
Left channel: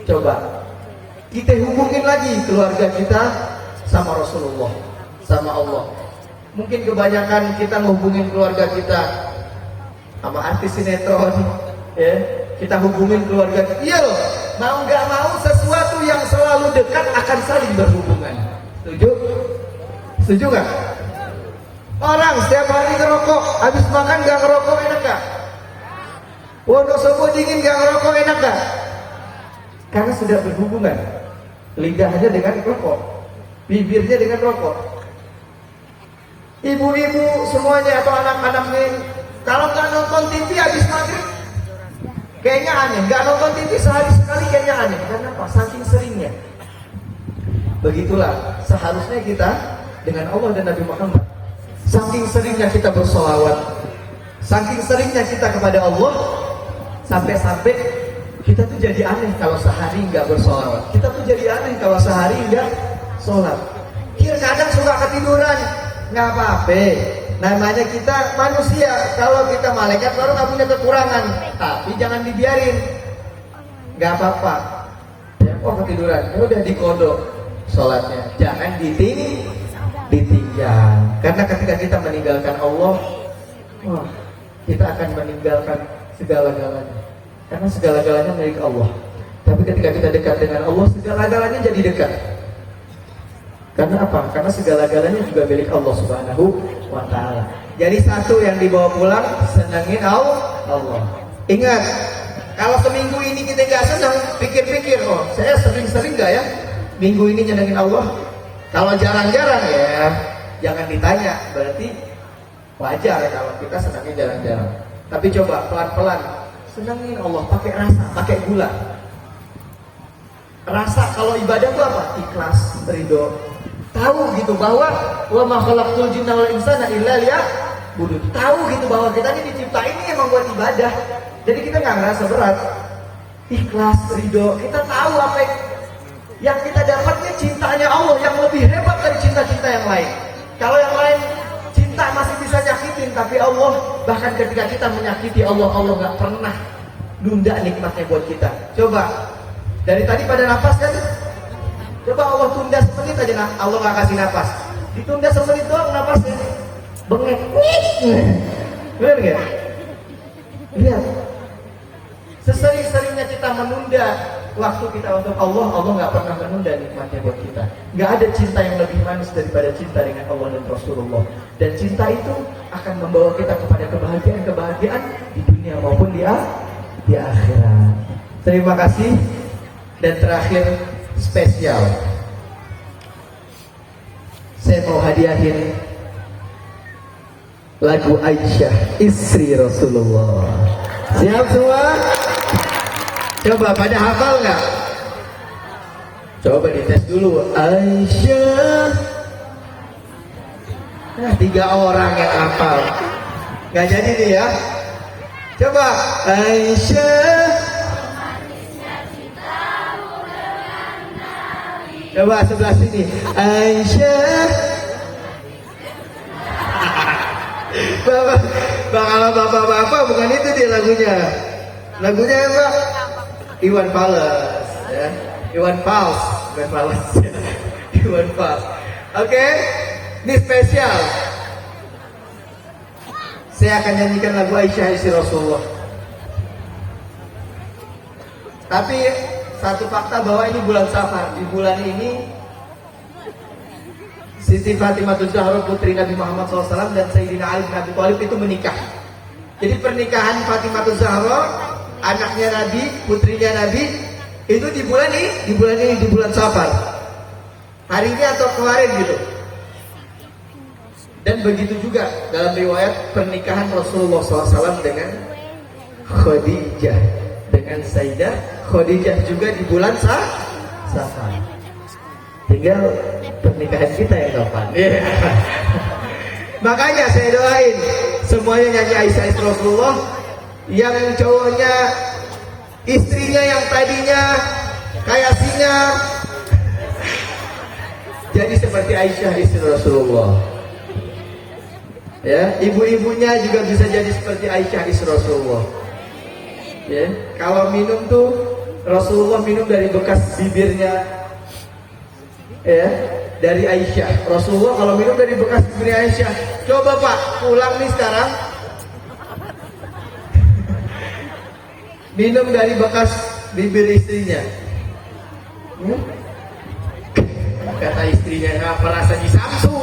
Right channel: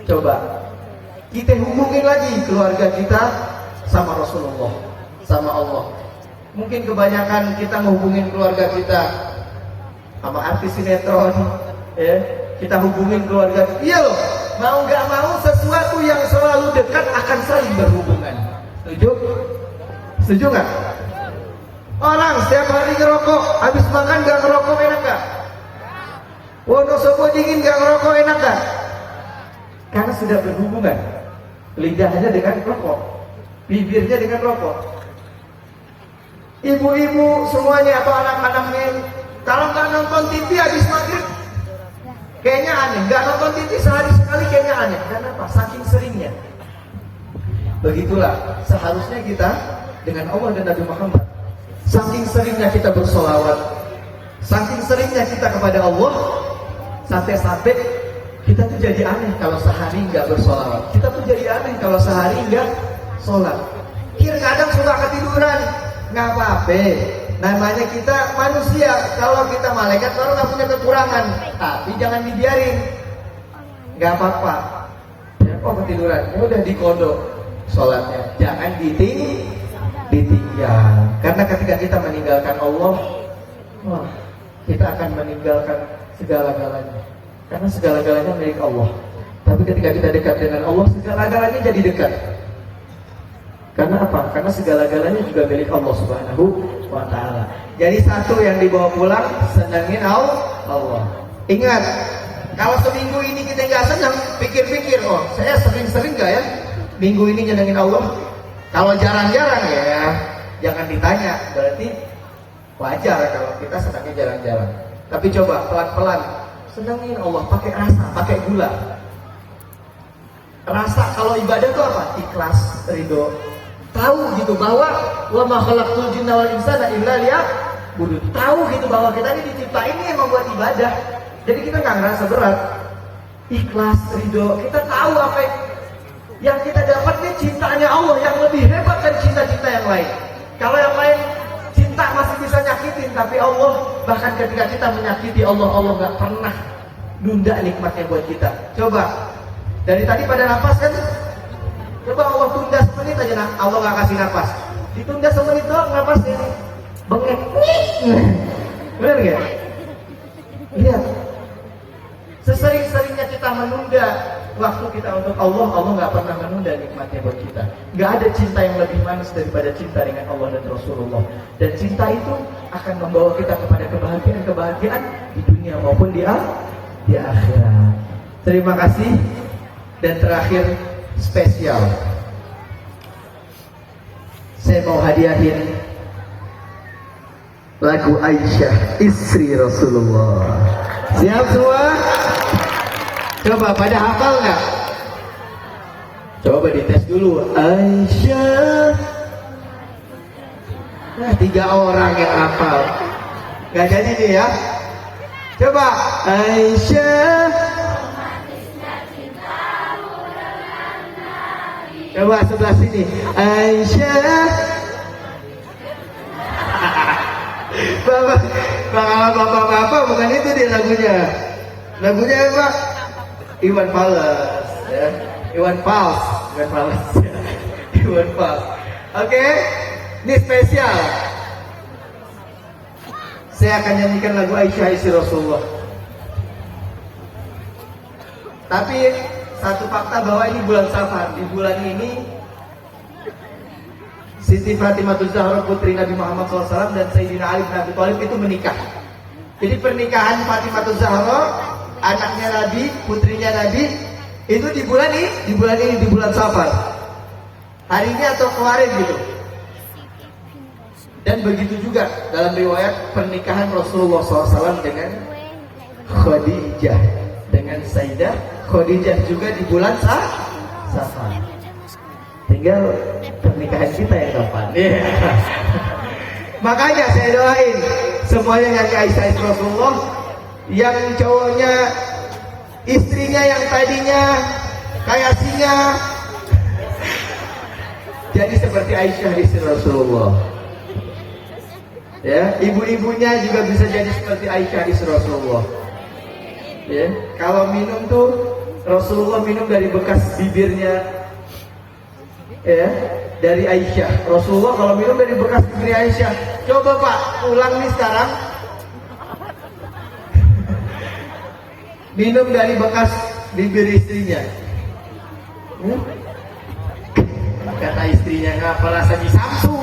coba kita hubungin lagi keluarga kita sama Rasulullah, sama Allah. Mungkin kebanyakan kita menghubungin keluarga kita sama artis sinetron, ya. Kita hubungin keluarga. Iya loh, mau nggak mau sesuatu yang selalu dekat akan saling berhubungan. Setuju? Setuju nggak? Orang setiap hari ngerokok, habis makan nggak ngerokok enak nggak? Wonosobo dingin nggak ngerokok enak nggak? Karena sudah berhubungan. Lidahnya dengan rokok, bibirnya dengan rokok. Ibu-ibu semuanya atau anak-anaknya, kalau nggak nonton TV habis maghrib, kayaknya aneh. Nggak nonton TV sehari sekali kayaknya aneh. Karena apa? Saking seringnya. Begitulah seharusnya kita dengan Allah dan Nabi Muhammad. Saking seringnya kita bersolawat, saking seringnya kita kepada Allah, sampai-sampai kita tuh jadi aneh kalau sehari nggak bersolawat. Kita tuh jadi aneh kalau sehari nggak sholat. Kadang suka ketiduran, nggak apa-apa. Namanya kita manusia. Kalau kita malaikat baru nggak punya kekurangan, tapi jangan dibiarin. Nggak apa-apa. Ya, ketiduran, udah dikodok sholatnya. Jangan ditinggal. Karena ketika kita meninggalkan Allah, wah, kita akan meninggalkan segala-galanya. Karena segala-galanya milik Allah. Tapi ketika kita dekat dengan Allah, segala-galanya jadi dekat. Karena apa? Karena segala-galanya juga milik Allah Subhanahu Wa Taala. Jadi satu yang dibawa pulang, senangin Allah. Ingat, kalau seminggu ini kita nggak senang, pikir-pikir, oh saya sering-sering nggak ya minggu ini nyenengin Allah? Kalau jarang-jarang ya jangan ditanya, berarti wajar kalau kita senangnya jarang-jarang. Tapi coba pelan-pelan senangin Allah, pakai rasa, pakai gula. Rasa kalau ibadah itu apa? Ikhlas, ridho. Tahu gitu bahwa wa ma khalaqtul jinna wal insana illa liya'budun. Tahu gitu bahwa kita ini diciptain ini emang buat ibadah. Jadi kita nggak ngerasa berat. Ikhlas, ridho. Kita tahu apa yang kita dapatnya cintanya Allah yang lebih hebat dari cinta-cinta yang lain. Kalau yang lain cinta masih bisa nyakitin, tapi Allah bahkan ketika kita menyakiti Allah nggak pernah nunda nikmatnya buat kita. Coba dari tadi pada nafas kan? Coba Allah tunda semenit aja, Allah nggak kasih nafas. Ditunda semenit doang napasnya bengek. Benar nggak? Lihat, sesering-seringnya kita menunda waktu kita untuk Allah, Allah nggak pernah menunda nikmatnya buat kita. Nggak ada cinta yang lebih manis daripada cinta dengan Allah dan Rasulullah. Dan cinta itu akan membawa kita kepada kebahagiaan di dunia maupun di akhirat. Terima kasih. Dan terakhir spesial, saya mau hadiahin lagu Aisyah, istri Rasulullah. Siap semua? Coba pada hafal nggak? Coba dites dulu. Aisyah. Nah, 3 orang yang hafal. Nggak jadi nih ya. Coba Aisyah. Coba sebelah sini. Aisyah. Bapak bukan itu dia lagunya. Lagunya apa? Iwan Fals, ya. Iwan Fals. Oke, ini spesial. Saya akan nyanyikan lagu Aisyah istri Rasulullah. Tapi satu fakta bahwa ini bulan Safar. Di bulan ini Siti Fatimah Zahra putri Nabi Muhammad SAW dan Sayyidina Ali bin Abi Thalib itu menikah. Jadi pernikahan Fatimah Zahra, anaknya Nabi, putrinya Nabi, itu di bulan ini, di bulan Safar. Hari ini atau kemarin gitu. Dan begitu juga dalam riwayat pernikahan Rasulullah SAW dengan Khadijah, dengan Sayyidah Khadijah juga di bulan Safar. Tinggal pernikahan kita yang kapan. Makanya saya doain semuanya nyanyi Aisyah istri Rasulullah. Yang cowoknya istrinya yang tadinya kayak singa jadi seperti Aisyah istri Rasulullah. Ya, ibu-ibunya juga bisa jadi seperti Aisyah istri Rasulullah. Ya, kalau minum tuh Rasulullah minum dari bekas bibirnya, ya, dari Aisyah. Rasulullah kalau minum dari bekas bibir Aisyah. Coba Pak, pulang nih sekarang, minum dari bekas bibir istrinya. Kata istrinya, ngapa rasanya Samsu?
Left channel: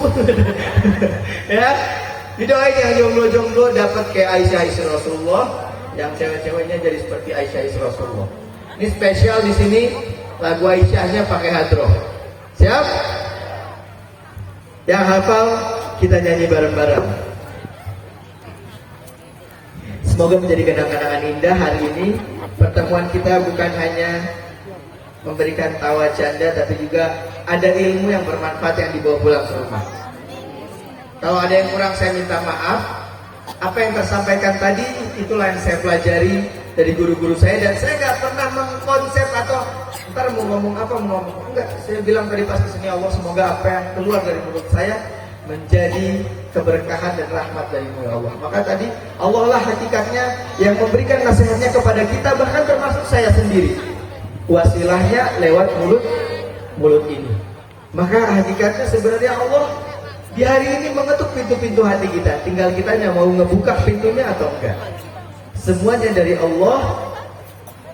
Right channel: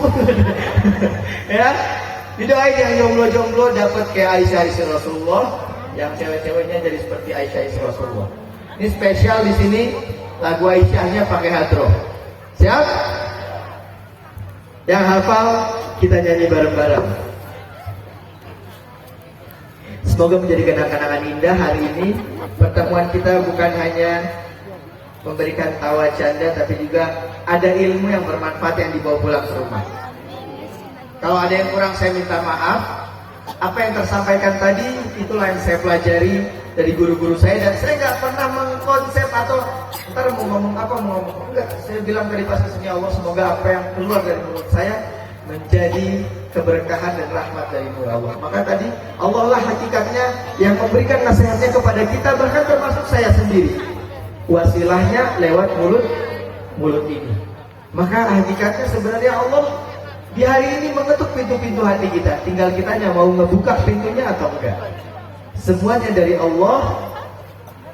Ya, didoain yang jomblo-jomblo dapat kayak Aisyah istri Rasulullah, yang cewek-ceweknya jadi seperti Aisyah istri Rasulullah. Ini spesial di sini, lagu Aisyahnya pakai hadroh. Siap? Yang hafal kita nyanyi bareng-bareng. Semoga menjadi kenang-kenangan indah hari ini. Pertemuan kita bukan hanya memberikan tawa canda, tapi juga ada ilmu yang bermanfaat yang dibawa pulang ke rumah. Kalau ada yang kurang saya minta maaf. Apa yang tersampaikan tadi itulah yang saya pelajari dari guru-guru saya, dan saya nggak pernah mengkonsep atau ntar mau ngomong apa mau ngomong enggak. Saya bilang tadi pas kesini Allah, semoga apa yang keluar dari mulut saya menjadi keberkahan dan rahmat dari Allah. Maka tadi Allah lah hakikatnya yang memberikan nasihatnya kepada kita, bahkan termasuk saya sendiri. Wasilahnya lewat mulut ini. Maka hakikatnya sebenarnya Allah di hari ini mengetuk pintu-pintu hati kita. Tinggal kita yang mau ngebuka pintunya atau enggak. Semuanya dari Allah.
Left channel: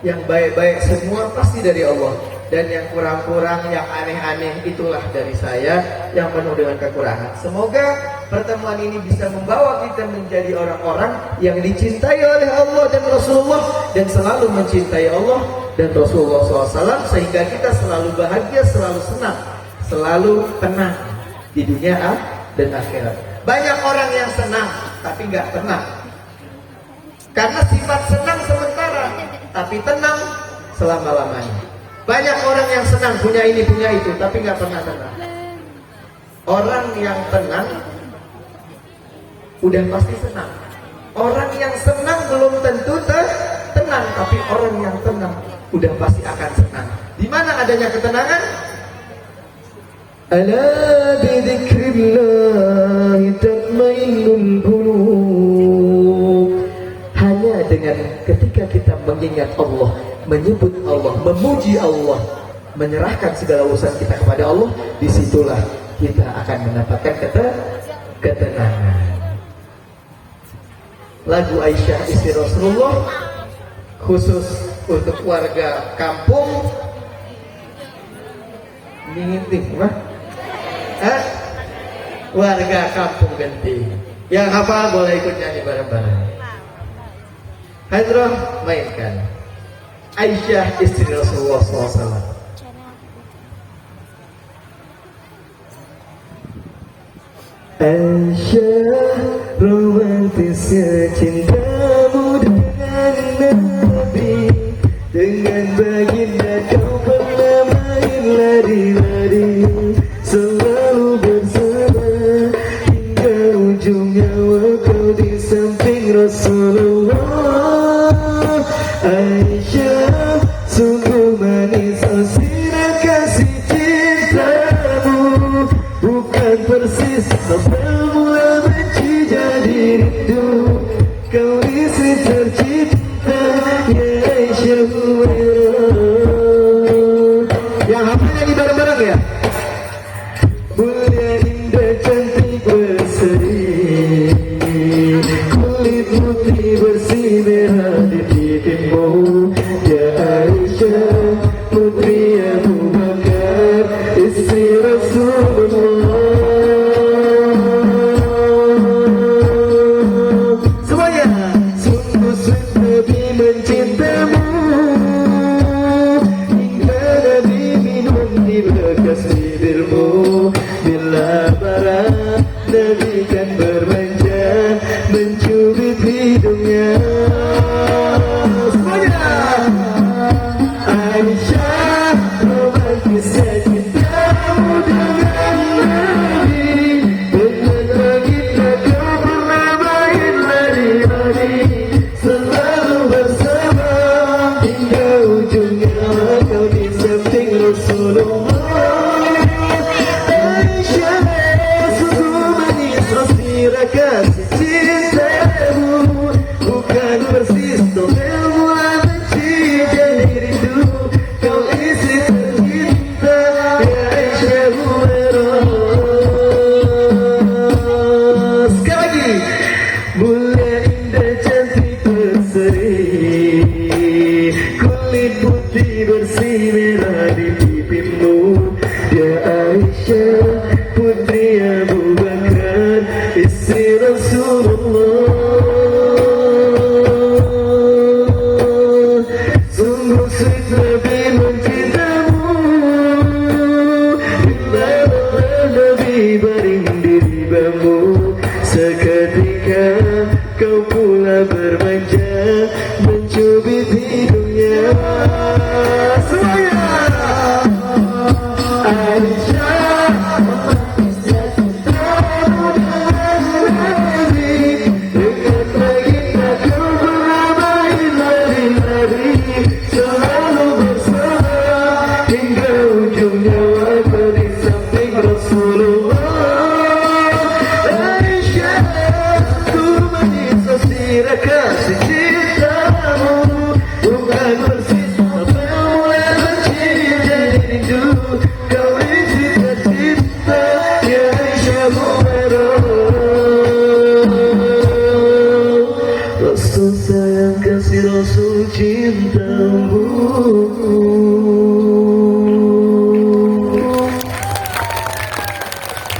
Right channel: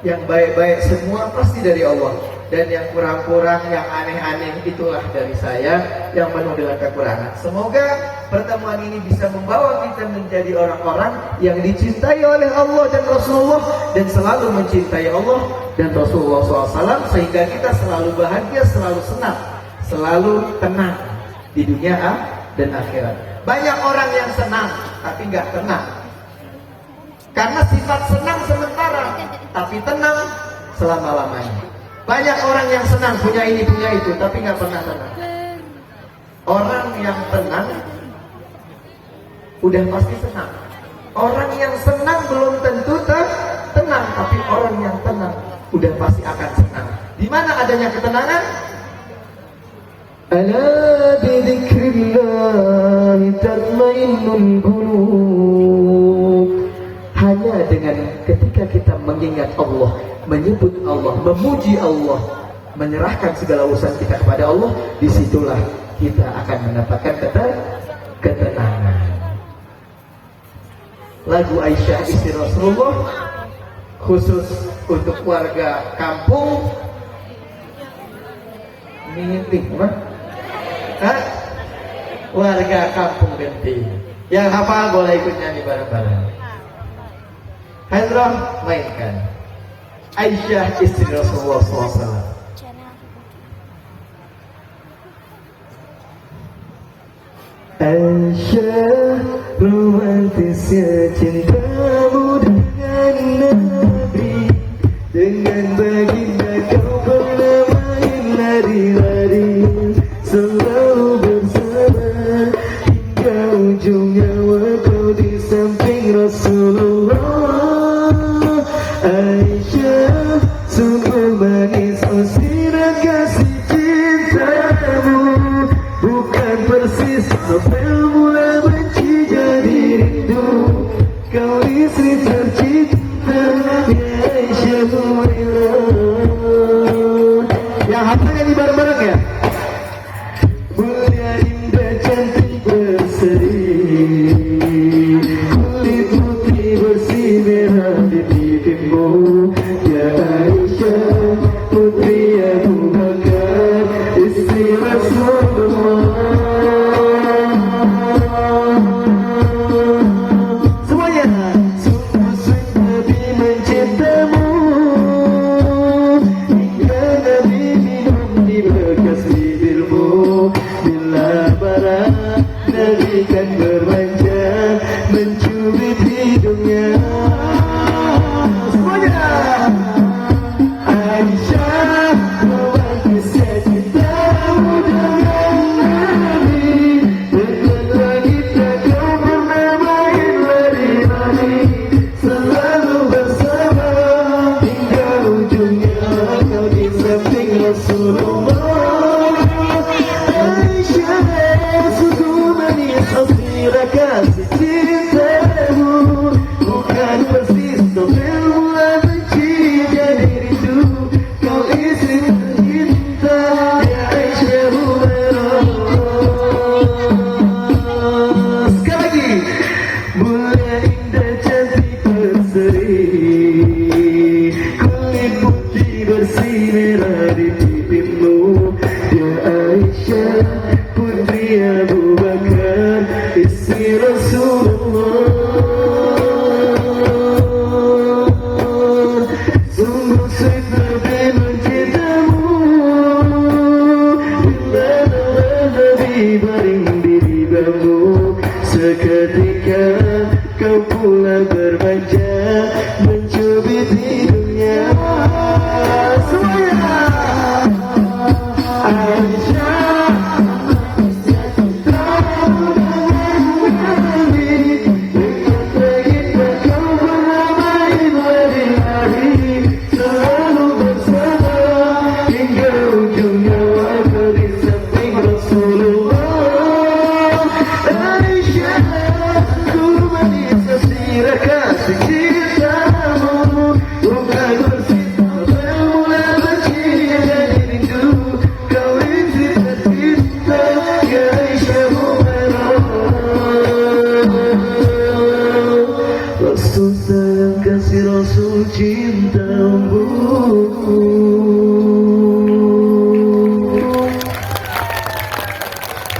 Yang baik-baik semua pasti dari Allah. Dan yang kurang-kurang, yang aneh-aneh itulah dari saya, yang penuh dengan kekurangan. Semoga pertemuan ini bisa membawa kita menjadi orang-orang yang dicintai oleh Allah dan Rasulullah, dan selalu mencintai Allah dan Rasulullah SAW, sehingga kita selalu bahagia, selalu senang, selalu tenang di dunia dan akhirat. Banyak orang yang senang tapi nggak tenang, karena sifat senang sementara, tapi tenang selama-lamanya. Banyak orang yang senang punya ini punya itu, tapi nggak pernah tenang. Orang yang tenang udah pasti senang. Orang yang senang belum tentu tenang, tapi orang yang tenang udah pasti akan senang. Di mana adanya ketenangan? Ala bidzikrillah tatmainnul qulub. Hanya dengan ketika kita mengingat Allah, menyebut Allah, memuji Allah, menyerahkan segala urusan kita kepada Allah, disitulah kita akan mendapatkan ketenangan. Lagu Aisyah istri Rasulullah khusus untuk warga kampung Genting, apa? Hah? Warga kampung Genting. Yang hafal boleh ikut nyanyi bareng-bareng. Hendro mainkan Aisyah istri Rasulullah SAW. Aisyah romantisnya cintamu dengan Nabi, dengan baginda kau pernah main lari-lari, selalu bersama hingga ujung nyawa kau di samping Rasulullah. Aisyah sungguh manis sirah kasih cintamu, bukan persis mula benci jadi rindu. Kau istri tercinta ya Aisyah Humairah. Yang hafal nyanyi bareng-bareng ya. Mulia indah cantik berseri, kulit putih bersih merah di pipimu ya Aisyah putri Abu Bakar istri Rasulullah.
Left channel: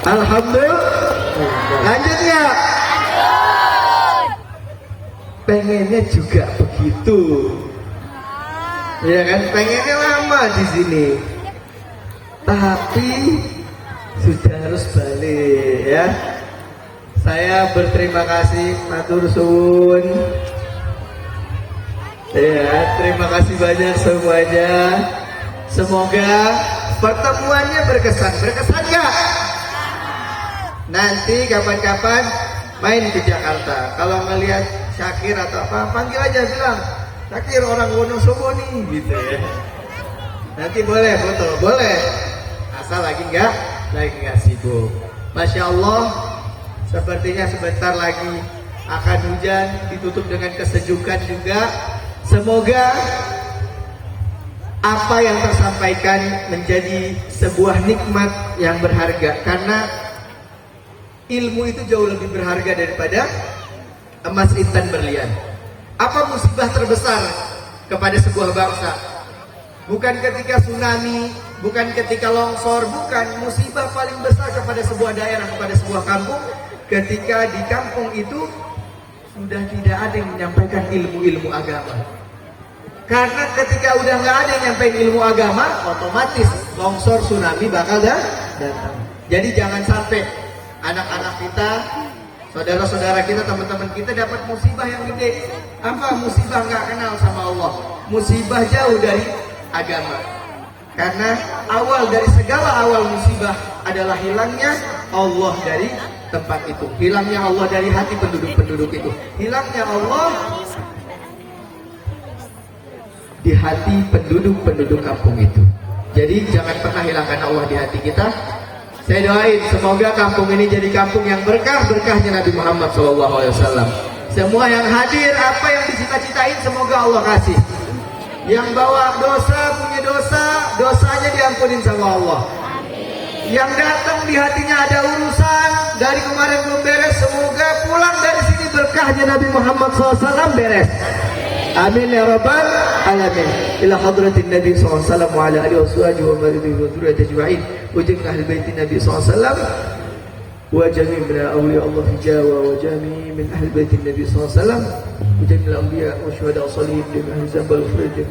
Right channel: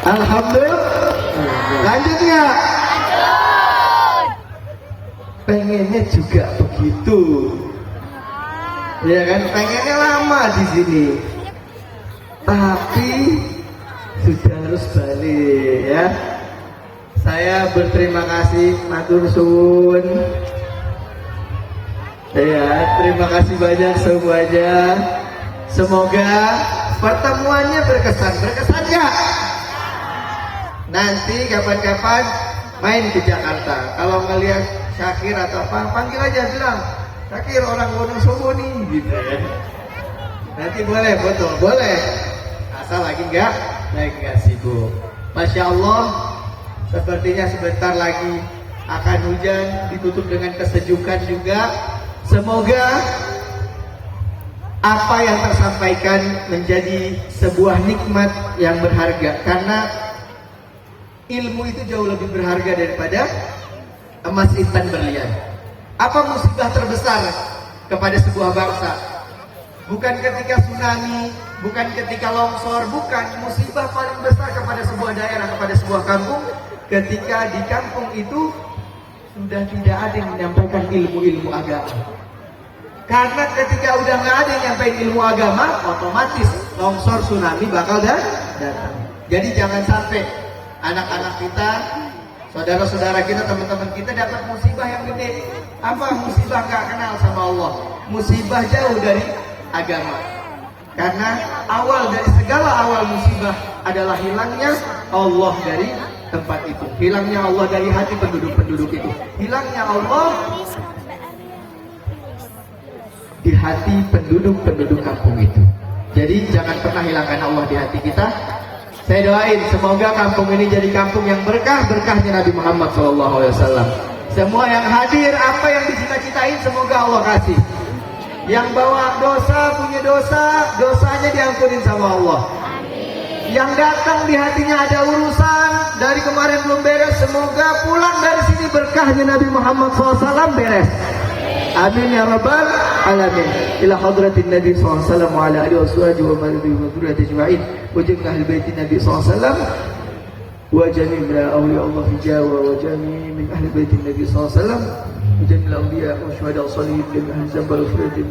Alhamdulillah. Lanjutnya. Pengennya juga begitu. Ya kan, pengennya lama di sini. Tapi sudah harus balik ya. Saya berterima kasih matur suwun. Ya, terima kasih banyak semuanya. Semoga pertemuannya berkesan. Berkesan nggak? Nanti kapan-kapan main ke Jakarta. Kalau ngelihat Syakir atau apa, panggil aja, bilang Syakir orang Wonosobo nih, gitu ya. Nanti boleh foto, boleh. Asal lagi nggak sibuk. Masya Allah, sepertinya sebentar lagi akan hujan, ditutup dengan kesejukan juga. Semoga apa yang tersampaikan menjadi sebuah nikmat yang berharga, karena ilmu itu jauh lebih berharga daripada emas intan berlian. Apa musibah terbesar kepada sebuah bangsa? Bukan ketika tsunami, bukan ketika longsor, bukan. Musibah paling besar kepada sebuah daerah, kepada sebuah kampung, ketika di kampung itu sudah tidak ada yang menyampaikan ilmu-ilmu agama. Karena ketika udah nggak ada yang nyampein ilmu agama, otomatis longsor, tsunami bakal datang. Jadi jangan sampai anak-anak kita, saudara-saudara kita, teman-teman kita dapat musibah yang gede. Apa? Musibah nggak kenal sama Allah, musibah jauh dari agama. Karena awal dari segala awal musibah adalah hilangnya Allah dari tempat itu, hilangnya Allah dari hati penduduk-penduduk itu, hilangnya Allah di hati penduduk-penduduk kampung itu. Jadi jangan pernah hilangkan Allah di hati kita. Saya doain semoga kampung ini jadi kampung yang berkah, berkahnya Nabi Muhammad SAW. Semua yang hadir, apa yang dicita-citain semoga Allah kasih. Yang bawa dosa, punya dosa, dosanya diampunin sama Allah. Yang datang di hatinya ada urusan, dari kemarin belum beres, semoga pulang dari sini berkahnya Nabi Muhammad SAW beres. Amin ya rabbal alamin. Ila hadratin Nabi SAW wa ala alihi wa sahbihi wa barakaatuhu wa dzurriyyati ajma'in. Wa jami'i ahli bait Nabi SAW wa jami' min awliya Allah hijawa wa jami' min ahli bait Nabi SAW wa jami' al-anbiya wa syuhada' salihin wa min zambal khulud.